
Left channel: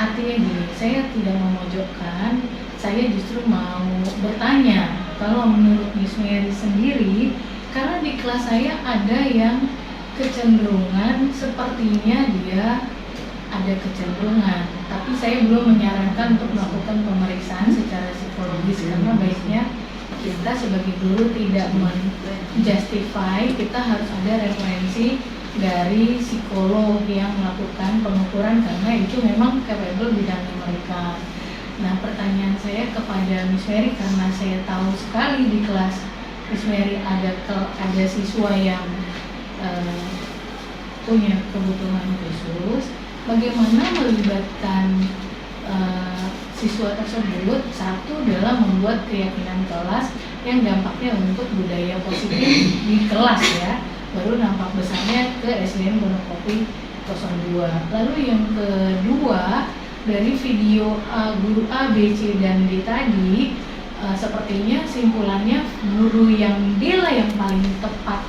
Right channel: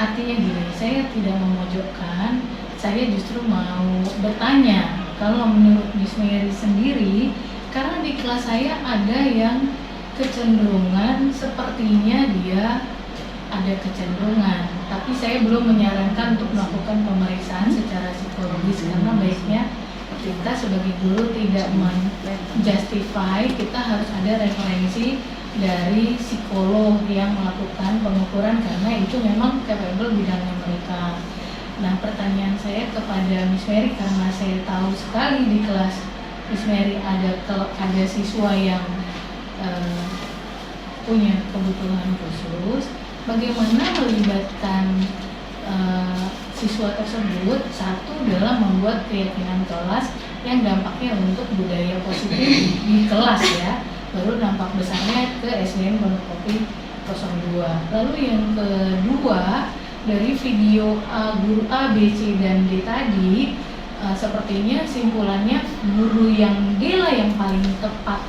Artinya gini, saya tidak memojokkan, saya justru mau bertanya, kalau menurut Miss Mary sendiri, karena di kelas saya ada yang kecenderungan sepertinya dia ada kecenderungan, tapi saya belum menyarankan untuk melakukan pemeriksaan secara psikologis karena baiknya kita sebagai guru tidak menjustify, kita harus ada referensi dari psikolog yang melakukan pengukuran karena itu memang capable bidangnya mereka. Nah, pertanyaan saya kepada Miss Mary, karena saya tahu sekali di kelas Miss Mary ada siswa yang punya kebutuhan khusus, bagaimana melibatkan siswa tersebut satu dalam membuat keyakinan kelas yang dampaknya untuk budaya positif di kelas ya, baru nampak besarnya ke SDN Pondok Kopi 02. Lalu yang kedua, dari video guru A, B, C, dan D tadi, sepertinya simpulannya guru yang D lah yang paling tepat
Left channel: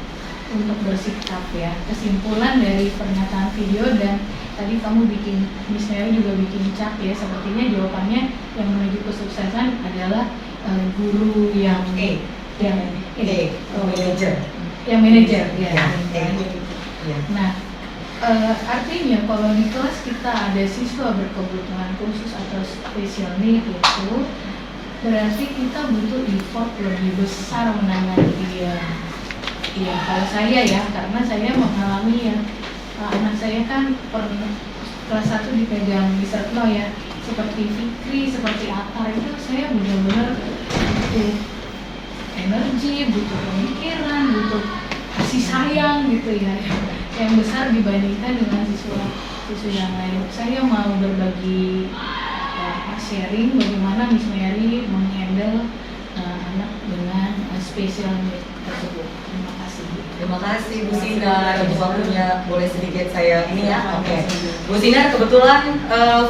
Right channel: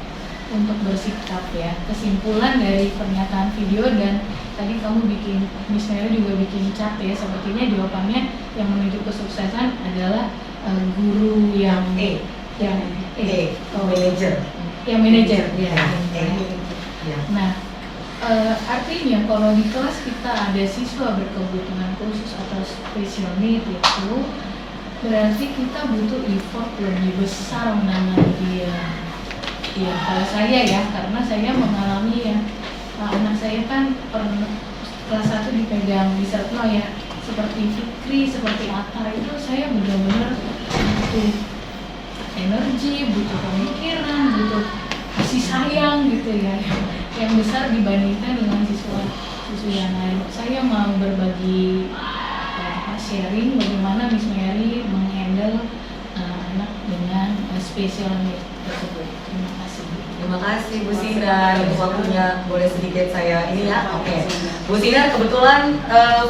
untuk bersikap ya. Kesimpulan dari pernyataan video, dan tadi kamu bikin, misalnya juga bikin cat ya, sepertinya jawabannya yang menuju kesuksesan adalah guru yang manajer. Yang manajer ya. Nah, artinya kalau di kelas kita ada siswa berkebutuhan khusus atau special need itu berarti kita butuh effort lebih besar menangani dia. Ya, kalau saya ya, karena saya mengalami ya, anak saya kan pernah kelas 1 dipegang di Sertno ya, seperti Fikri, seperti Atar, itu saya benar-benar butuh energi, butuh pemikiran, butuh kasih sayang gitu ya, yang besar dibandingkan dengan siswa yang lain. Saya mau berbagi sharing bagaimana Miss Mary menghandle anak dengan special need tersebut. Terima kasih. Terima kasih Bu Sinar, untuk waktunya. Boleh sedikit saya ini ya? Oke. Bu Sinar, kebetulan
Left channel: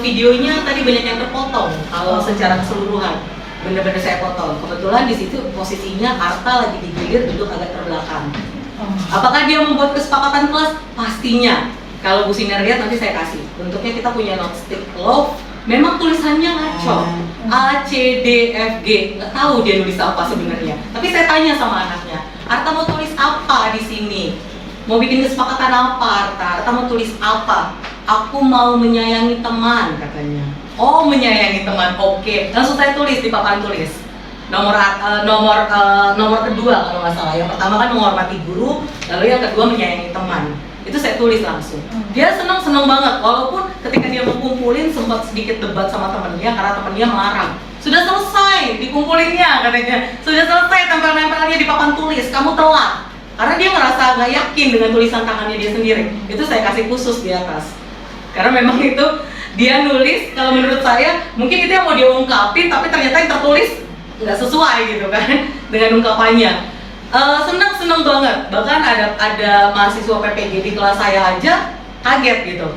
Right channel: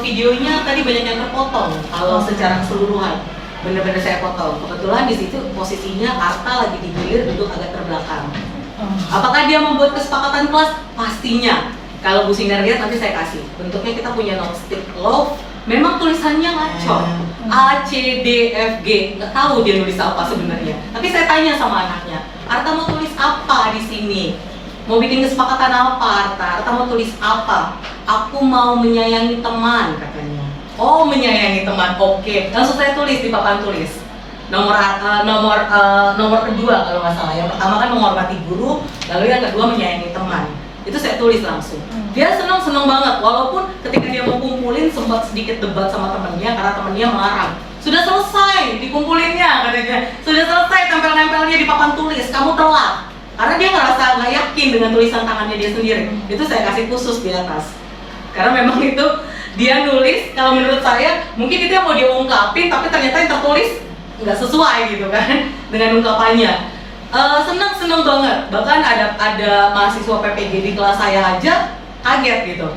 videonya tadi banyak yang terpotong. Kalau secara keseluruhan benar-benar saya potong. Kebetulan di situ posisinya Arta lagi digilir duduk agak terbelakang. Apakah dia membuat kesepakatan kelas? Pastinya. Kalau Bu Sinar lihat nanti saya kasih. Bentuknya kita punya notestick love. Memang tulisannya ngaco. A, C, D, F, G. Nggak tahu dia nulis apa sebenarnya. Tapi saya tanya sama anaknya, Arta mau tulis apa di sini? Mau bikin kesepakatan apa Arta? Arta mau tulis apa? Aku mau menyayangi teman katanya. Oh, menyayangi teman. Oke. Langsung saya tulis di papan tulis. Nomor kedua kalau nggak salah. Yang pertama kan menghormati guru, lalu yang kedua menyayangi teman. Itu saya tulis langsung. Dia seneng banget, walaupun ketika dia mau kumpulin sempat sedikit debat sama temennya karena temennya melarang. Sudah selesai dikumpulinnya katanya. Sudah selesai tempel-nempelnya di papan tulis, kamu telat. Karena dia ngerasa nggak yakin dengan tulisan tangannya dia sendiri. Itu saya kasih khusus di atas. Karena memang itu dia nulis, kalau menurut saya mungkin itu yang mau dia ungkapin, tapi ternyata yang tertulis nggak sesuai gitu kan dengan ungkapannya. Seneng banget, bahkan ada mahasiswa PPG di kelas saya aja kaget gitu.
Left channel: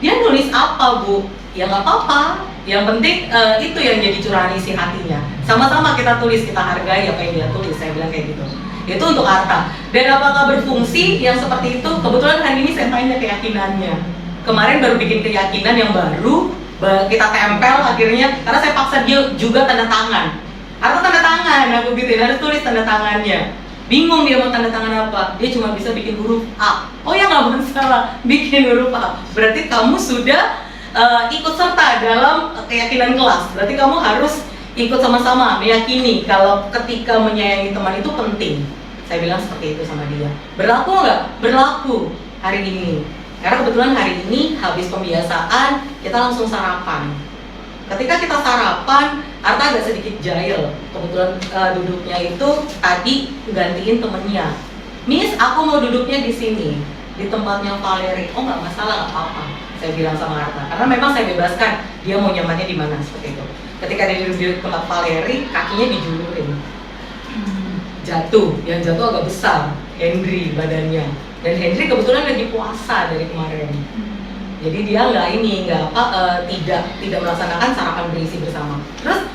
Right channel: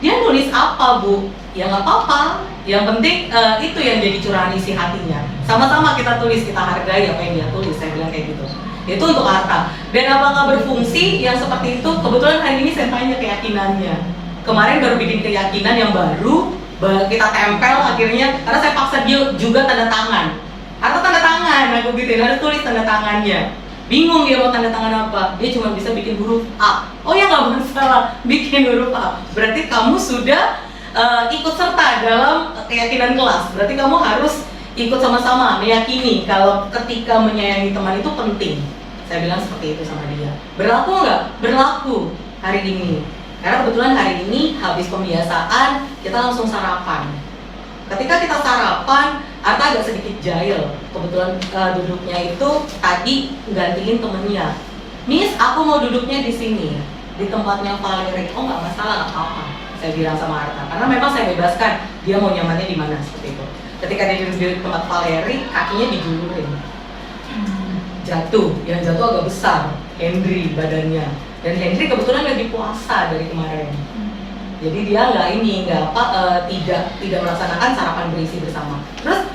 Dia nulis apa Bu? Ya nggak apa-apa, yang penting itu yang jadi curahan isi hatinya. Sama-sama kita tulis, kita hargai apa yang dia tulis, saya bilang kayak gitu. Itu untuk Arta. Dan apakah berfungsi yang seperti itu? Kebetulan hari ini saya tanya keyakinannya. Kemarin baru bikin keyakinan yang baru, kita tempel akhirnya, karena saya paksa dia juga tanda tangan. Arta tanda tangan, aku gituin, harus tulis tanda tangannya. Bingung dia mau tanda tangan apa, dia cuma bisa bikin huruf A. Oh ya nggak masalah, bikin huruf A. Berarti kamu sudah ikut serta dalam keyakinan kelas. Berarti kamu harus ikut sama-sama meyakini kalau ketika menyayangi teman itu penting. Saya bilang seperti itu sama dia. Berlaku nggak? Berlaku hari ini. Karena kebetulan hari ini habis pembiasaan kita langsung sarapan. Ketika kita sarapan, Arta agak sedikit jahil. Kebetulan duduknya itu tadi gantiin temennya. Miss, aku mau duduknya di sini, di tempatnya Valeri. Oh nggak masalah, nggak apa-apa. Saya bilang sama Arta. Karena memang saya bebaskan dia mau nyamannya di mana seperti itu. Ketika dia duduk di tempat Valeri, kakinya dijulurin. Jatuh, yang jatuh agak besar. Henry badannya. Dan Henry kebetulan lagi puasa dari kemarin. Jadi dia tidak melaksanakan sarapan berisi bersama. Terus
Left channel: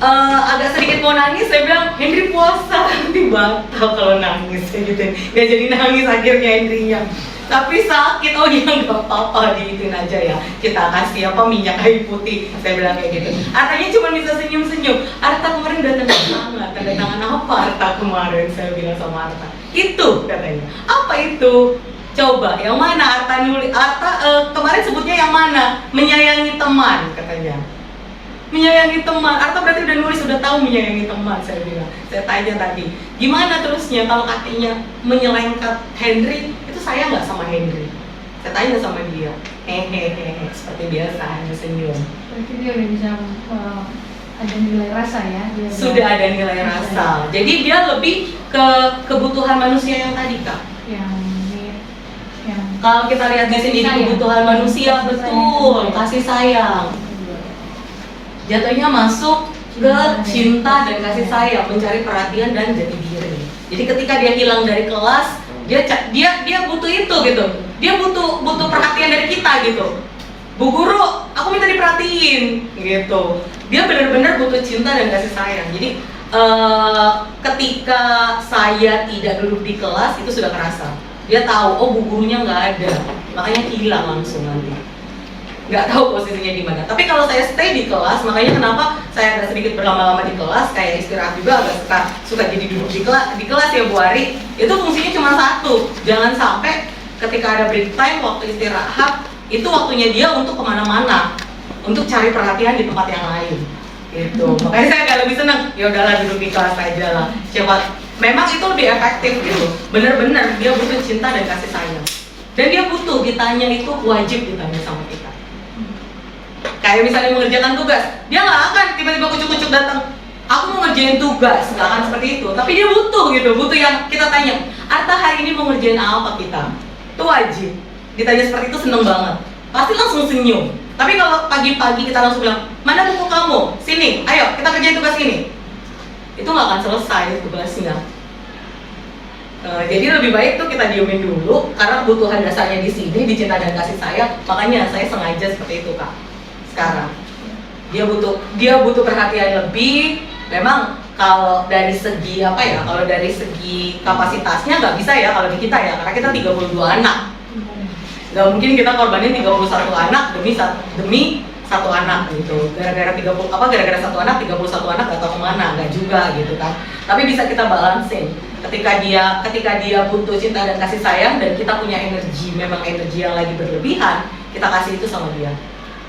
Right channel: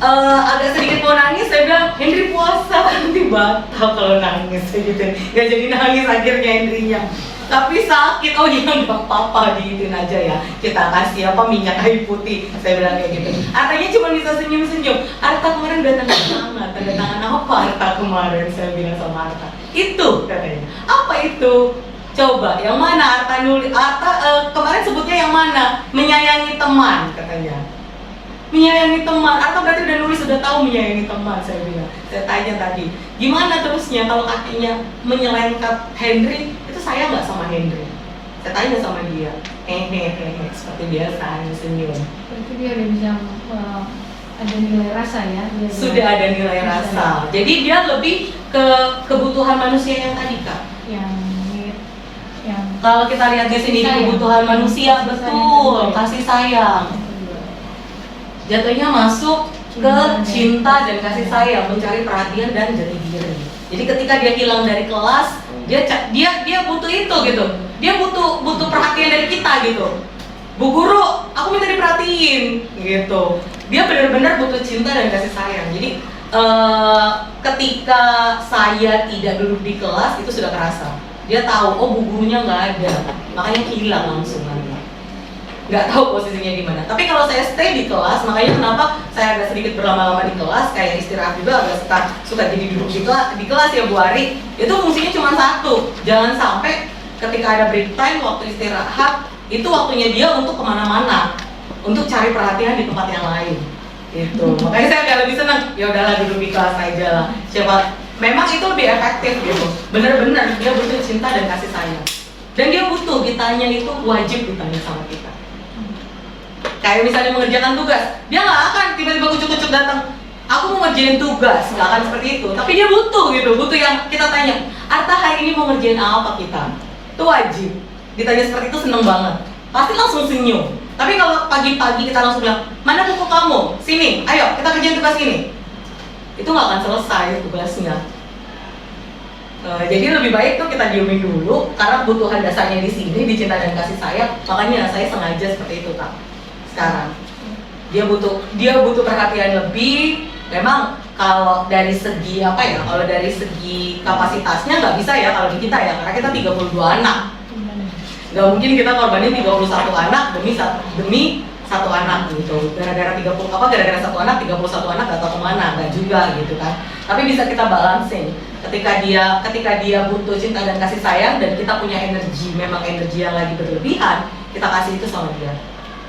agak sedikit mau nangis, saya bilang Henry puasa nanti batal kalau nangis gitu, nggak jadi nangis akhirnya Henrynya. Tapi sakit, oh ya nggak apa-apa, diituin aja ya, kita kasih minyak kayu putih, saya bilang kayak gitu. Artanya cuma bisa senyum-senyum. Arta kemarin udah tanda tangan apa Arta kemarin, saya bilang sama Arta. Itu katanya. Apa itu? Coba yang mana Arta nulis? Kemarin sebutnya yang mana? Menyayangi teman katanya. Menyayangi teman. Arta berarti udah nulis, sudah tahu menyayangi teman, saya bilang. Saya tanya tadi, gimana terusnya kalau katanya menyelengkat Henry, itu saya nggak sama Henry? Saya tanya sama dia, hehehe, seperti biasa, senyum. Berarti dia udah bisa ada nilai rasa ya? Sudah ada nilai rasa. Jadi dia lebih ke kebutuhan manusia yang tadi, Kak. Kalau kita lihat di sini kebutuhan manusia, betul, kasih sayang. Jatuhnya masuk ke cinta dan kasih sayang, mencari perhatian dan jati diri. Jadi ketika dia hilang dari kelas, dia butuh itu gitu. Dia butuh perhatian dari kita gitu. Bu guru, aku minta diperhatiin gitu. Dia benar-benar butuh cinta dan kasih sayang. Jadi ketika saya tidak duduk di kelas, itu sudah kerasa. Dia tahu, oh bu gurunya nggak ada, makanya hilang langsung nanti. Nggak tahu posisinya di mana. Tapi kalau saya stay di kelas, makanya kenapa saya agak sedikit berlama-lama di kelas, kayak istirahat juga agak suka jadi duduk di kelas ya Bu Ari. Itu fungsinya cuma satu, jangan sampai ketika ada break time, waktu istirahat, itu waktunya dia untuk kemana-mana, untuk cari perhatian di tempat yang lain. Gitu. Makanya saya agak lebih senang, ya udahlah duduk di kelas aja lah. Siapa, memang itu lebih efektif gitu. Bener-bener dia butuh cinta dan kasih sayang. Dan dia butuh ditanya, itu wajib ditanya sama kita. Kayak misalnya mengerjakan tugas, dia nggak akan tiba-tiba kucuk-kucuk datang, aku mau ngerjain tugas, nggak akan seperti itu. Tapi dia butuh gitu, butuh yang kita tanya, Arta hari ini mau ngerjain apa kita? Itu wajib. Ditanya seperti itu seneng banget, pasti langsung senyum. Tapi kalau pagi-pagi kita langsung bilang, mana buku kamu? Sini, ayo kita kerjain tugas ini. Itu nggak akan selesai tugasnya. Jadi lebih baik tuh kita diemin dulu, karena kebutuhan dasarnya di sini, di cinta dan kasih sayang. Makanya saya sengaja seperti itu, Kak. Sekarang dia butuh perhatian lebih. Memang kalau dari segi kalau dari segi kapasitasnya nggak bisa ya kalau di kita ya, karena kita 32 anak. Nggak mungkin kita korbanin 31 anak demi satu anak gitu. Gara-gara satu anak 31 anak nggak tahu kemana, nggak juga gitu kan. Tapi bisa kita balancing. Ketika dia butuh cinta dan kasih sayang, dan kita punya energi, memang energi yang lagi berlebihan, kita kasih itu sama dia.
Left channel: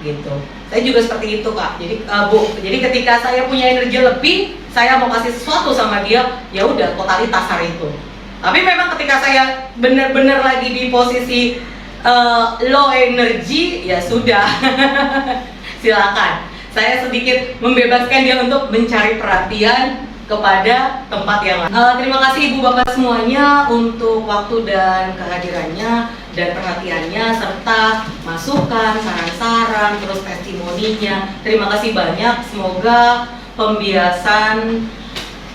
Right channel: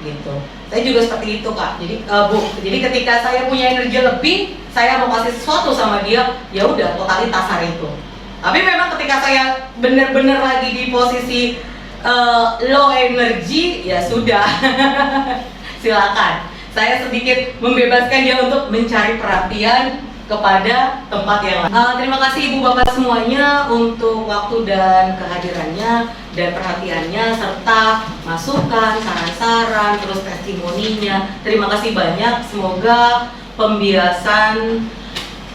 Gitu. Saya juga seperti itu, Kak. Jadi ketika saya punya energi lebih, saya mau kasih sesuatu sama dia, ya udah totalitas hari itu. Tapi memang ketika saya benar-benar lagi di posisi low energy, ya sudah. Silakan. Saya sedikit membebaskan dia untuk mencari perhatian kepada tempat yang lain. Terima kasih Ibu Bapak semuanya untuk waktu dan kehadirannya dan perhatiannya, serta masukan, saran-saran, terus testimoninya. Terima kasih banyak. Semoga pembiasan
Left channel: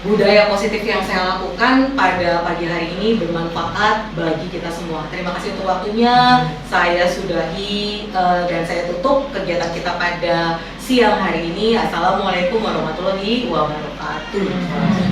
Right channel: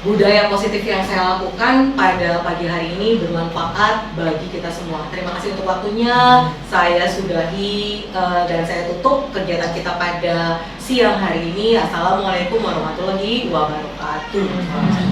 budaya positif yang saya lakukan pada pagi hari ini bermanfaat bagi kita semua. Terima kasih untuk waktunya. Saya sudahi dan saya tutup kegiatan kita pada siang hari ini. Assalamualaikum warahmatullahi wabarakatuh.